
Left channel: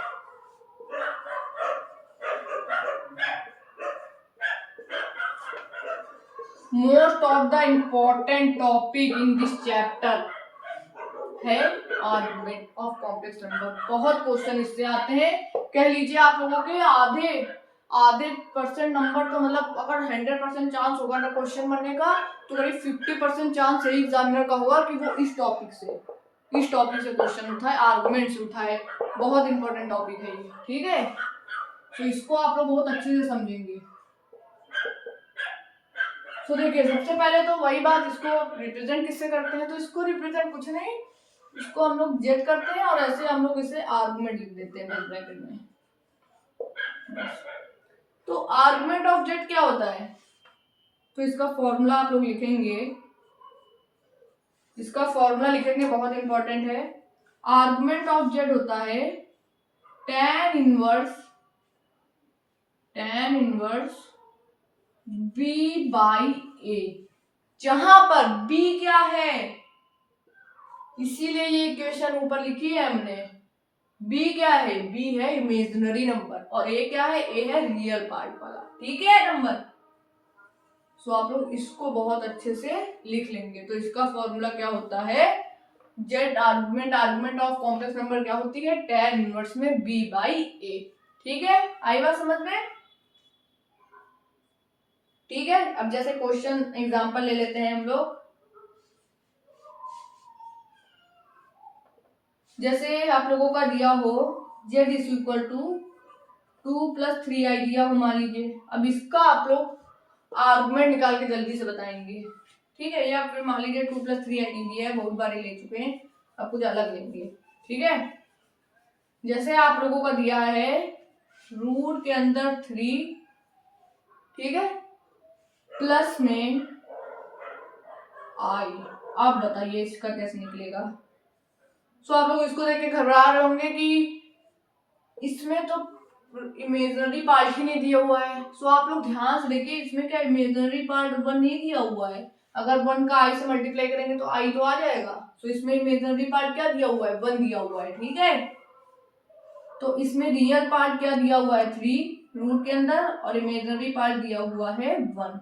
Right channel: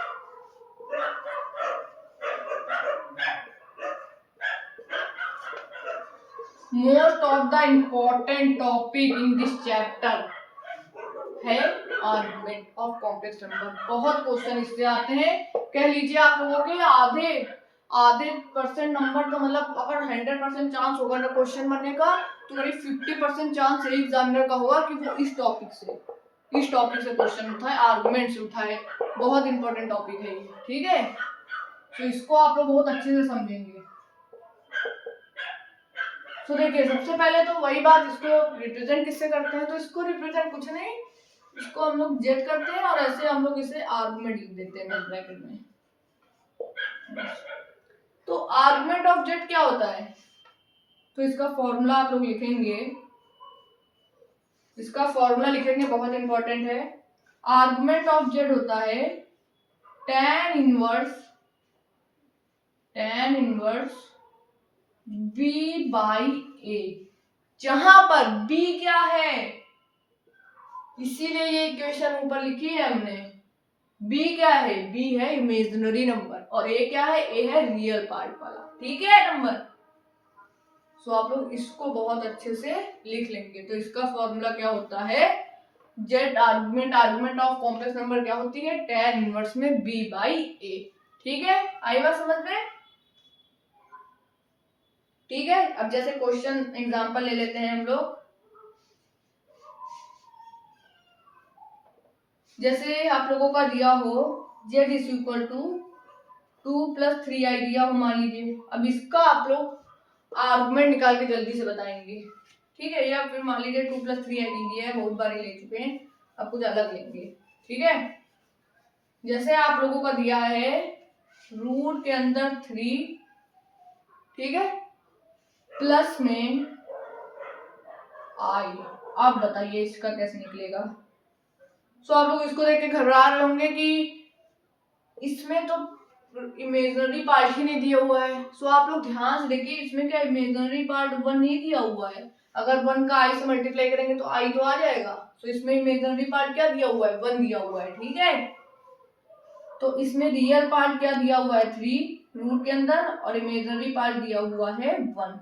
Most of the important topic in this chapter है आर्गुमेंट ऑफ कॉम्प्लेक्स नंबर। बहुत क्वेश्चन इससे आते हैं, कह लीजिए आप लोगों के आधे परसेंट नंबर, तो मतलब अगर 100% चांस होगा ना क्वेश्चन बनने का, तो करीब 50% चांस यही एग्जामिनर का होगा कि वो इस टॉपिक से क्वेश्चन उठाए, आर्गुमेंट से उठाए। बहुत इंपॉर्टेंट टॉपिक है ये। ठीक है, तो इसको आप लोग बहुत अच्छे से समझेंगे। तो देखिए, सबसे पहले तो वही बात, इसको रिप्रेजेंट किससे करते हैं, तो इसको रिप्रेजेंट कुछ नहीं, इसको हम लोग जेड करते हैं, और ऐसे हम लोग इसे आर्गुमेंट लिख देते हैं ब्रैकेट में। तो आर्गुमेंट ऑफ जेड क्या होता है, तो इसका फॉर्मूला आप लोग लिखेंगे, इसका फॉर्मूला लिखेंगे, बहुत इंपॉर्टेंट है। आर्गुमेंट ऑफ जेड होता है tan inverse b by a, जहां पर b क्या है, इसीलिए ये इक्वेशन ऊपर लिखी है हमने। b क्या है, b है इमेजिनरी नंबर, और a क्या है, a है रियल पार्ट वाला। ठीक है नंबर, सो आप लोग इसको बहुत अच्छे से लिख लेंगे। तो इसका फॉर्मूला क्या होता है, Z argument of complex number क्या होती है, tan इनवर्स में b बाई a। ठीक है, आई बात समझ में? ठीक है, अब जैसे क्वेश्चन एग्जांपल ले लेते हैं हम लोग। जैसे आप लोगों का दिया हो z is equal to 2 + 3i दिया हो मान लीजिए। अब इसका आप लोग आर्गुमेंट निकाल के जल्दी से बताएंगे। ठीक है, या फिर मान लीजिए 2 + 3i दिया है, बहुत बारी ले चुके हैं, अब कुछ अलग लेंगे। ठीक है, जैसे आप लोगों का दिया है रूट के अंदर 3, ठीक है, प्लस में i। आप बताइए इसका कैसे निकलेगा। सो आप लोग इसको देख के घबरा रहे होंगे कि इसमें तो इमेजिनरी पार्ट ही नहीं दिया हुआ है। सो आप लोग ध्यान से देखिए, इसमें क्या इमेजिनरी पार्ट 1 नहीं दिया हुआ है। अगर 1 का i से मल्टीप्लाई करेंगे तो i तो आ जाएगा। सो इसमें इमेजिनरी पार्ट क्या दिया हुआ है, 1 दिया हुआ है। ठीक है, तो इसमें रियल पार्ट क्या दिया हुआ है 3 रूट के अंदर, और इमेजिनरी पार्ट दिया हुआ है 1।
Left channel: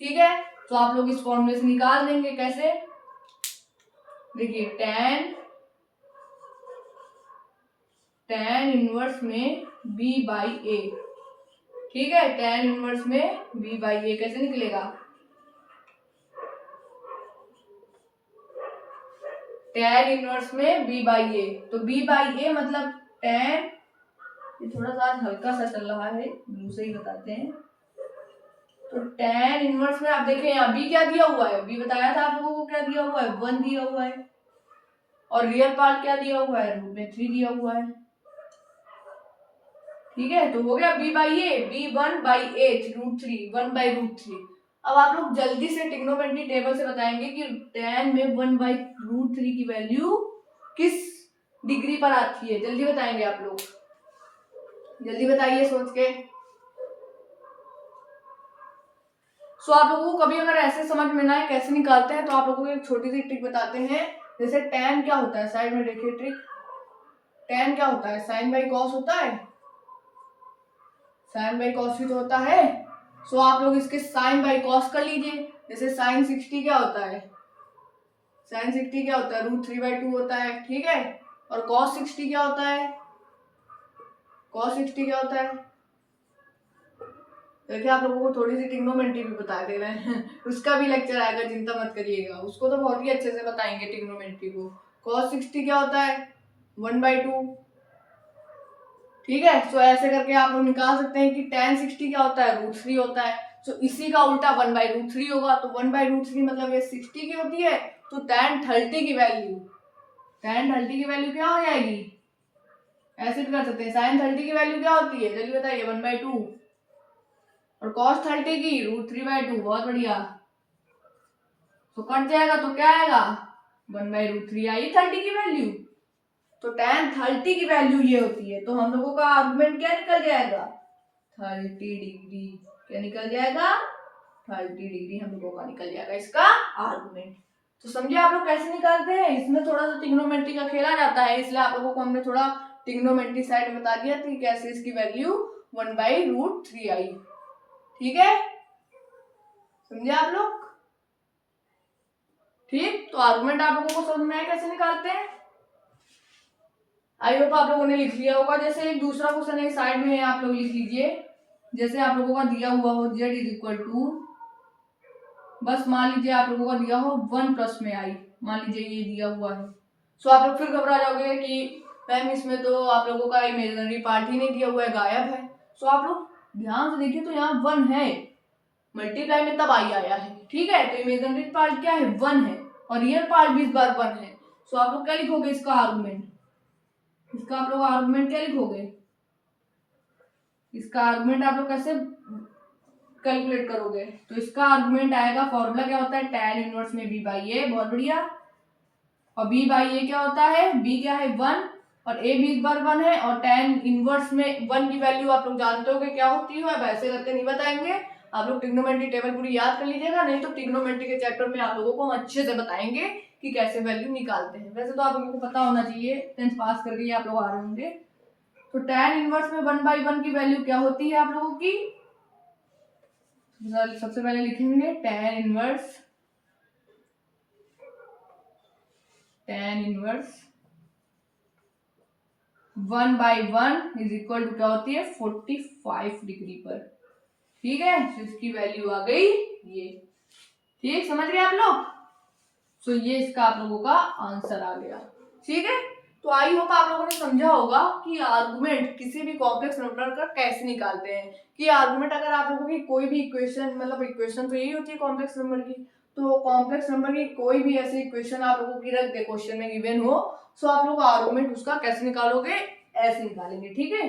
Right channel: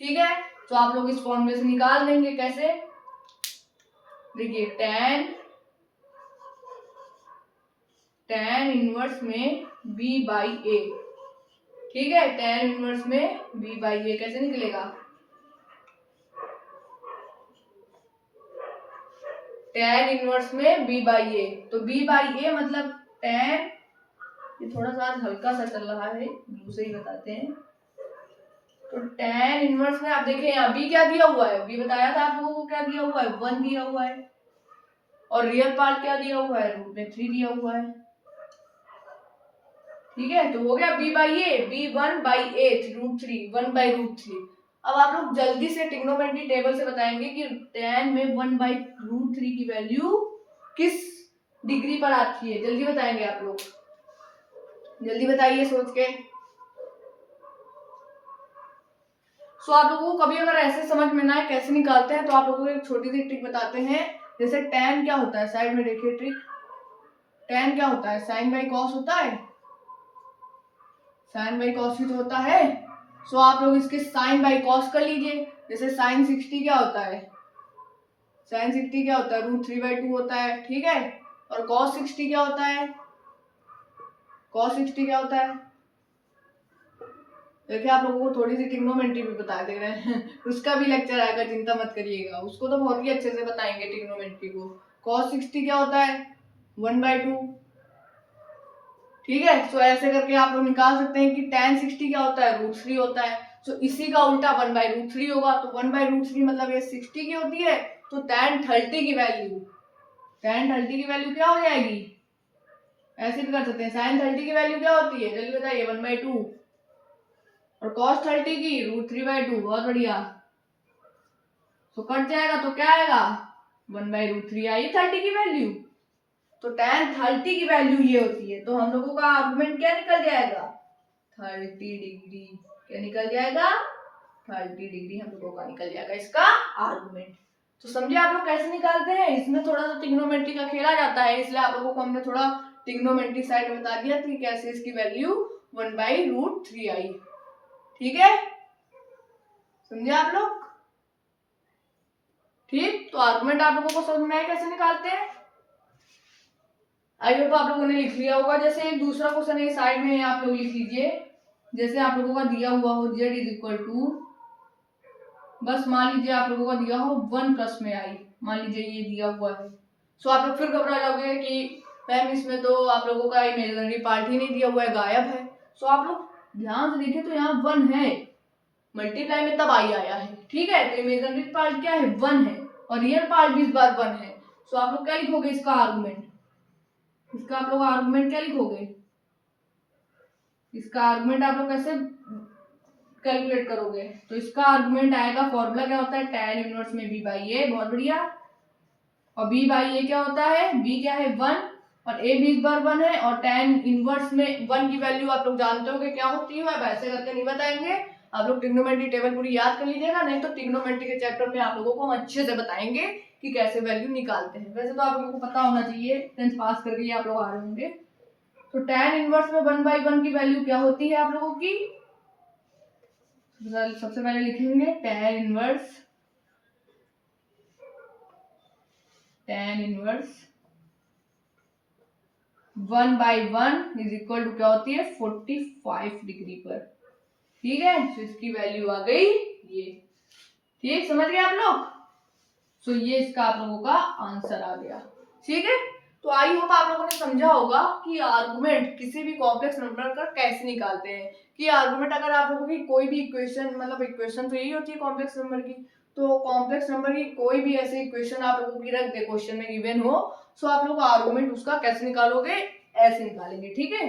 ठीक है, तो आप लोग इस फॉर्मूले से निकाल देंगे। कैसे, देखिए tan tan इनवर्स में b बाई ए, ठीक है, tan इनवर्स में b बाई ए कैसे निकलेगा, tan इनवर्स में b बाई ए, तो b बाई ए मतलब tan, ये थोड़ा सा हल्का सा चल रहा है, ब्लू से ही बताते हैं, तो tan इनवर्स में आप देखें यहाँ b क्या दिया हुआ है, b बताया था आप लोगों को क्या दिया हुआ है, 1 दिया हुआ है, और रियल पार्ट क्या दिया हुआ है, रूट में 3 दिया हुआ है, ठीक है, तो हो गया b by A, b 1 by H root 3, 1 by root 3। अब आप लोग जल्दी से ट्रिग्नोमेट्री टेबल से बताएंगे कि tan में 1 बाई रूट 3 की वैल्यू किस डिग्री पर आती है, जल्दी बताएंगे आप लोग, जल्दी बताइए सोच के। सो आप लोगों को कभी अगर ऐसे समझ में ना आए कैसे निकालते हैं, तो आप लोगों को एक छोटी सी ट्रिक बताते हैं। जैसे tan क्या होता है, साइड में देखिए ट्रिक, tan क्या होता है, साइन बाई कॉस होता है, साइन बाई कॉस भी तो होता है। सो आप लोग इसके साइन बाई कॉस कर लीजिए। जैसे साइन 60 क्या होता है, साइन 60 क्या होता है, रूट 3 बाई 2 होता है, ठीक है, और कॉस 60 क्या होता है, कॉस 60 क्या होता है, देखिए आप लोगों को थोड़ी सी ट्रिग्नोमेट्री भी बता दे रहे हैं उसका भी लेक्चर आएगा, चिंता मत करिएगा, उसको तो बहुत ही अच्छे से बताएंगे ट्रिग्नोमेट्री को। cos 60 क्या होता है, 1/2, ठीक है। सो ऐसे करके आप लोग निकाल सकते हैं कि tan 60 क्या होता है, रूट 3 होता है। सो इसी का उल्टा 1/√3 होगा, तो 1/√3 मतलब ये 60 की होती है, तो tan 30 की वैल्यू, tan 30 की वैल्यू क्या हो जाएगी, ऐसे भी कर सकते हैं, sin 30 की वैल्यू क्या होती है, जल्दी बताइए, 1/2, और cos 30 की √3/2, बहुत बढ़िया। तो कट जाएगा तो क्या आएगा, 1/√3 आई 30 की वैल्यू, तो tan 30 की वैल्यू ये होती है। तो हम लोगों का आर्गुमेंट क्या निकल जाएगा, 30 डिग्री, क्या निकल जाएगा, 30 डिग्री हम लोगों का निकल जाएगा इसका आर्गुमेंट। तो समझिए आप लोग कैसे निकालते हैं, इसमें थोड़ा सा ट्रिग्नोमेट्री का खेला जाता है, इसलिए आप लोगों को हमने थोड़ा ट्रिग्नोमेट्री साइड में बता दिया कि कैसे इसकी वैल्यू 1/√3 आई, ठीक है, समझे आप लोग, ठीक। तो आर्गुमेंट आप लोगों को समझ में आया कैसे निकालते हैं, आई होप आप लोगों ने लिख लिया होगा। जैसे एक दूसरा क्वेश्चन है साइड में, आप लोग लिख लीजिए, जैसे आप लोगों का दिया हुआ हो z = बस मान लीजिए आप लोगों का दिया हो 1 प्लस में आई, मान लीजिए ये दिया हुआ है। सो आप लोग फिर घबरा जाओगे कि मैम इसमें तो आप लोगों का इमेजिनरी पार्ट ही नहीं दिया हुआ है, गायब है। सो आप लोग ध्यान से देखिए, तो यहाँ 1 है, मल्टीप्लाई में तब आई आया है, ठीक है, तो इमेजिनरी पार्ट क्या है, 1 है, और रियल पार्ट भी इस बार 1 है। सो आप लोग क्या लिखोगे इसका आर्गुमेंट, इसका आप लोग आर्गुमेंट क्या लिखोगे, इसका आर्गुमेंट आप लोग कैसे कैलकुलेट करोगे, तो इसका आर्गुमेंट आएगा, फॉर्मूला क्या होता है, tan इनवर्स में b बाई ए, बहुत बढ़िया, और b बाई ए क्या होता है, b क्या है 1, और a भी इस बार 1 है, और tan इनवर्स में 1 की वैल्यू आप लोग जानते हो कि क्या होती है, वैसे करके नहीं बताएंगे, आप लोग ट्रिग्नोमेट्री टेबल पूरी याद कर लीजिएगा, नहीं तो ट्रिग्नोमेट्री के चैप्टर में आप लोगों को हम अच्छे से बताएंगे कि कैसे वैल्यू निकालते हैं। वैसे तो आप लोगों को पता होना चाहिए, 10th पास करके ही आप लोग आ रहे होंगे। तो tan इनवर्स में 1/1 की वैल्यू क्या होती है आप लोगों की, सबसे पहले लिखेंगे tan इनवर्स 1/1 = क्या होती है, 45 डिग्री पर, ठीक है, तो इसकी वैल्यू आ गई ये, ठीक, समझ गए आप लोग। सो ये इसका आप लोगों का आंसर आ गया, ठीक है। तो आई होप आप लोगों ने समझा होगा कि आर्गुमेंट किसी भी कॉम्प्लेक्स नंबर का कैसे निकालते हैं, कि आर्गुमेंट अगर आप लोगों की कोई भी इक्वेशन, मतलब इक्वेशन तो यही होती है कॉम्प्लेक्स नंबर की, तो कॉम्प्लेक्स नंबर की कोई भी ऐसी इक्वेशन आप लोगों की रख दे, क्वेश्चन में गिवन हो, सो आप लोग आर्गुमेंट उसका कैसे निकालोगे, ऐसे निकालेंगे, ठीक है,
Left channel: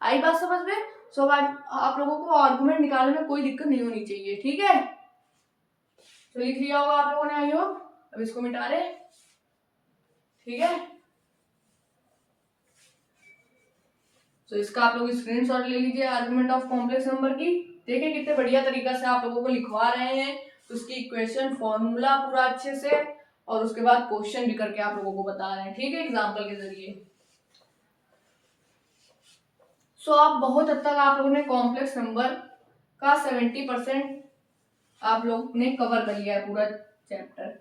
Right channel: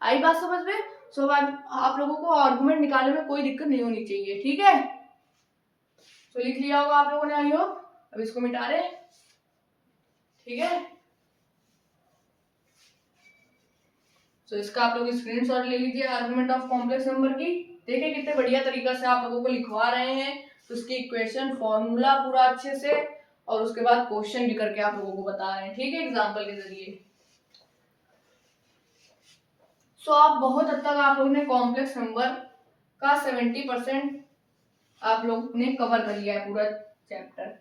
आई बात समझ में। सो आप लोगों को आर्गुमेंट निकालने में कोई दिक्कत नहीं होनी चाहिए, ठीक है। तो लिख लिया होगा आप लोगों ने, आई होप, अब इसको मिटा रहे, ठीक है। तो इसका आप लोग स्क्रीनशॉट ले लीजिए आर्गुमेंट ऑफ कॉम्प्लेक्स नंबर की, देखिए कितने बढ़िया तरीका से आप लोगों को लिखवा रहे हैं, उसकी इक्वेशन फॉर्मूला पूरा अच्छे से, और उसके बाद क्वेश्चन भी करके आप लोगों को बता रहे हैं, ठीक है, एग्जाम्पल के जरिए। सो आप बहुत हद तक आप लोगों ने कॉम्प्लेक्स नंबर का 70% आप लोग ने कवर कर लिया है पूरा चैप्टर।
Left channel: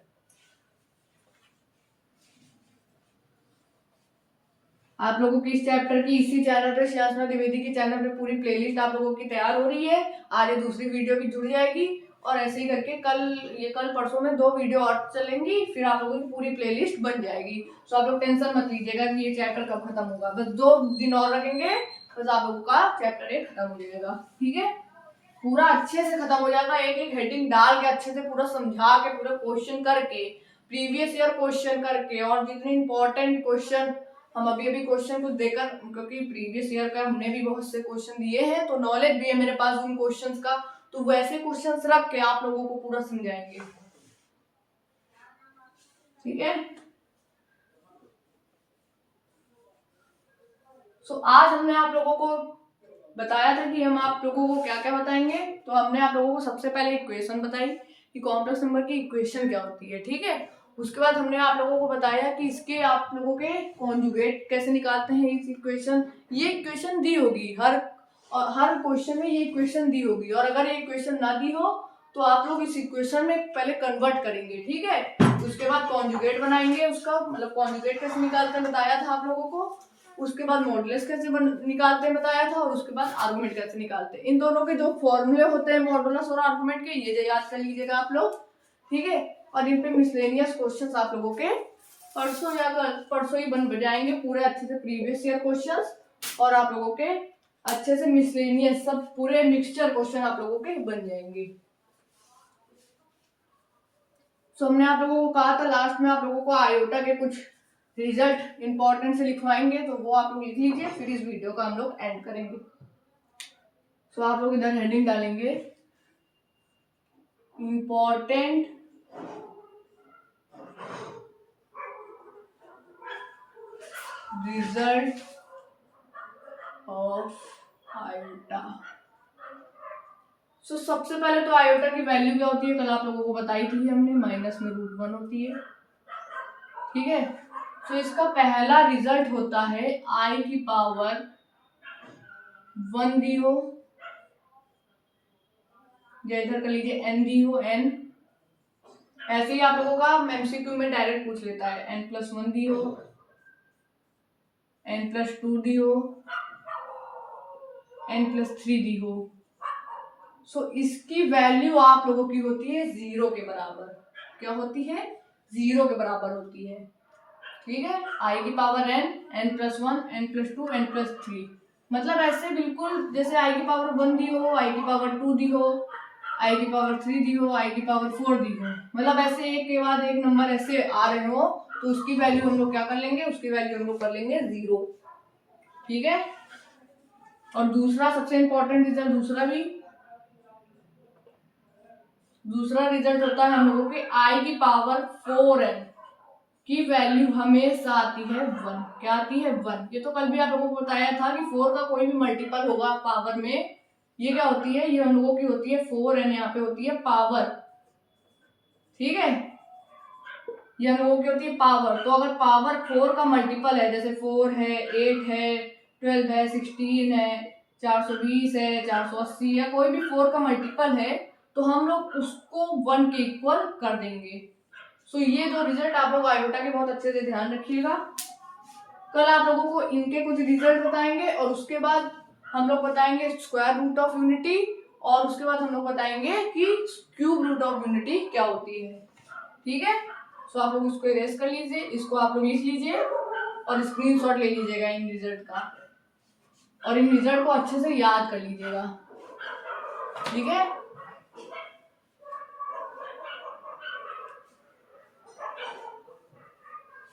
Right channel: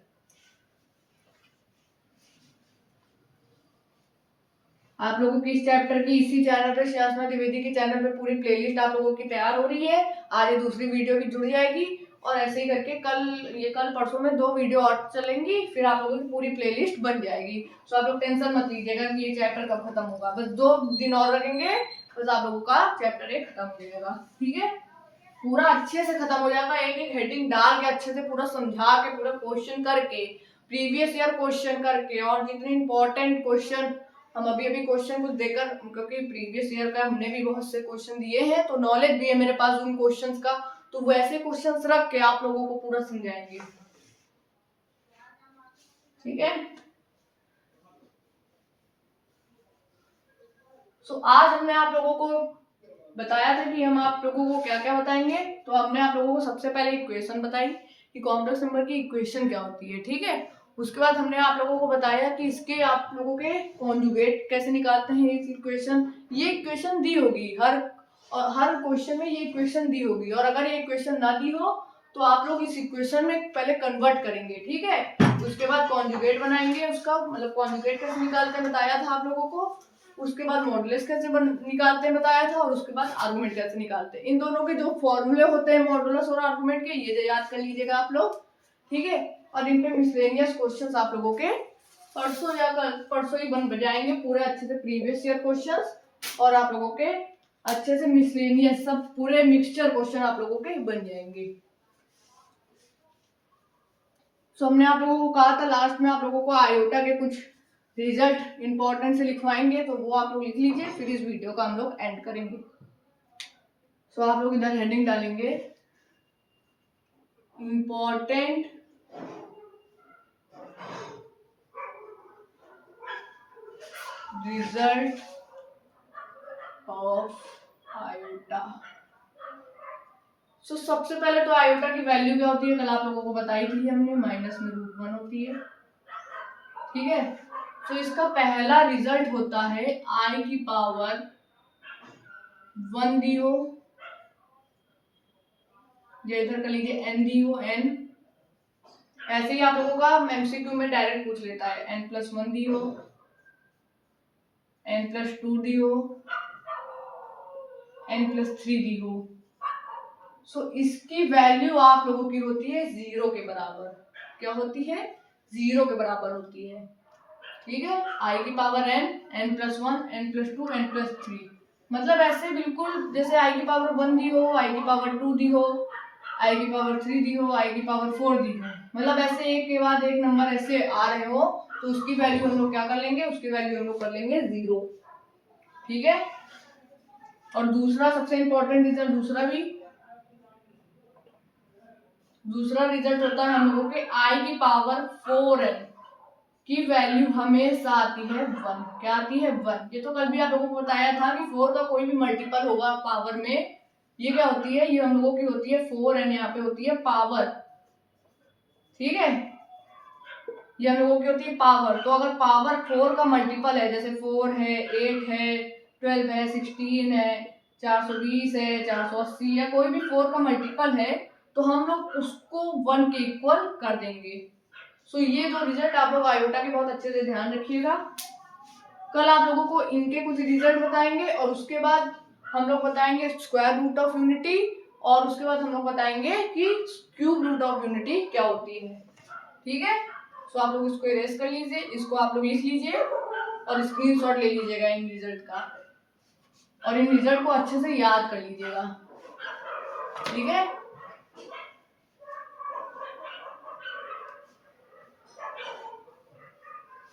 आप लोगों की इस चैप्टर की इसी चैनल पे, श्रेयांशना द्विवेदी के चैनल पे पूरी प्लेलिस्ट आप लोगों की तैयार हो रही है। आगे दूसरी वीडियो भी जुड़ जाएगी और ऐसे ही करके कल परसों में 2 वीडियो और चलेंगी, फिर आप लोगों की पूरी प्लेलिस्ट बन जाएगी। तो आप लोग टेंशन मत लीजिएगा कि ये चैप्टर कब खत्म होगा, बस 2 दिन और रखेंगे, बस आप लोगों का चैप्टर 1 खत्म हो जाएगा। ठीक है, पूरा अच्छे से खत्म हो जाएगा, एक एक हेडिंग डाल के अच्छे से पूरा समझा के पूरा क्वेश्चन करके, प्रीवियस ईयर क्वेश्चन करके, और जितने इंपॉर्टेंट क्वेश्चन हम अभी क्वेश्चन कुछ देकर, क्योंकि प्रीवियस ईयर का हमने भी बहुत से क्वेश्चन दिए हैं तो नॉलेज भी है मेरे पास उन क्वेश्चंस का, तो वैसे क्वेश्चंस रख के आप लोगों को पूरा समझाएंगे। ठीक है, सो आज हमने आप लोगों को बताया था कि हम आप लोगों को क्या क्या बताएंगे। तो हमने आप लोगों को सबसे पहले इक्वेशन बताई कि कॉम्प्लेक्स नंबर की इक्वेशन क्या होती है। ठीक है, उसके बाद हमने आप लोगों को बताया कि इसके आप लोगों के कॉन्जुगेट कैसे निकालते हैं इस इक्वेशन। ये इक्वेशन दी होगी हर क्वेश्चन में, ये इक्वेशन दी होगी, और अगर ये इक्वेशन ना दी हो तो आप लोग इस इक्वेशन में पहले कन्वर्ट करेंगे। ठीक है, उसके बाद कॉन्जुगेट बनाएंगे, उसका मतलब कॉन्जुगेट कैसे निकालते हैं बताया था आप लोगों को। उसके बाद मॉडुलस कैसे निकालते हैं बताया था, और उसके बाद आर्गुमेंट कैसे निकालते हैं। इन दोनों के जो फॉर्मूले होते हैं मॉडुलस और आर्गुमेंट के, ये याद कर लीजिएगा आप लोग। ठीक है, और इन पे मिसलेनियस क्वेश्चंस आप लोगों के परसों ही बन जाएंगे पूरे अच्छे से, प्रीवियस ईयर क्वेश्चंस, और आप लोगों के अच्छे से मिसलेनियस सब पूरे मिक्सचर क्वेश्चन आप लोगों के बन जाएंगे। सो हमने आप लोगों को कहा था लास्ट में आप लोगों को आयोटा के कुछ रिजल्ट इंपॉर्टेंट से लिखवाएंगे, तो वो आप लोग लिख लीजिए, फिर इस वीडियो का हम लोग एंड करेंगे। सो आप लोग इधर हेडिंग डालेंगे इंपॉर्टेंट रिजल्ट ऑफ आयोटा। सो सबसे पहले तो आयोटा की वैल्यू क्या होती है, कल आप लोगों को बताई थी हमने, माइनस में √1 होती है। ठीक है, तो इसका पहला रिजल्ट होता है i की पावर 1 दी हो, इधर कर लीजिए n दी हो, n ऐसे ही आप लोगों का एमसीक्यू में डायरेक्ट पूछ लेता है, n+1 दी हो, n+2 दी हो, n+3 दी हो। सो इसकी वैल्यू आप लोगों की होती है 0 के बराबर। क्या होती है? 0 के बराबर होती है। ठीक है, i की power n, n+1, n+2, n+3, मतलब ऐसे बिल्कुल जैसे i की पावर 1 दी हो, i की पावर 2 दी हो, i की पावर 3 दी हो, i की पावर 4 दी हो, मतलब ऐसे एक के बाद एक नंबर ऐसे आ रहे हो, तो उसकी वैल्यू हम लोग क्या कर लेंगे, उसकी वैल्यू हम लोग कर लेंगे 0। ठीक है, और दूसरा सबसे इंपॉर्टेंट रिजल्ट, दूसरा रिजल्ट होता है हम लोगों के i की पावर 4n की वैल्यू हमेशा आती है 1। क्या आती है? 1। ये तो कल भी आप लोगों को बताया था कि 4 का कोई भी मल्टीपल होगा पावर में, ये क्या होती है, ये हम लोगों की होती है 4n, यहाँ पे होती है पावर। ठीक है, ये हम लोगों की होती है पावर। तो अगर पावर 4 का मल्टीपल है, जैसे 4 है, 8 है, 12 है, 16 है, 420 है, 480, या कोई भी 4 का मल्टीपल है, तो हम लोग उसको 1 के इक्वल कर देंगे। सो ये दो रिजल्ट आप लोग आयोटा के बहुत अच्छे से ध्यान रखिएगा। कल आप लोगों को इनके कुछ रिजल्ट बताएंगे, और उसके बाद हम लोग बताएंगे स्क्वायर रूट ऑफ यूनिटी, और उसके बाद हम लोग बताएंगे कि क्यूब रूट ऑफ यूनिटी क्या होती है। ठीक है, सो आप लोग इसको इरेज कर लीजिए, इसको आप लोग लिख लीजिए और स्क्रीनशॉट ले लीजिएगा इन रिजल्ट का, और इन रिजल्ट को अच्छे से याद कर लीजिएगा। ठीक है,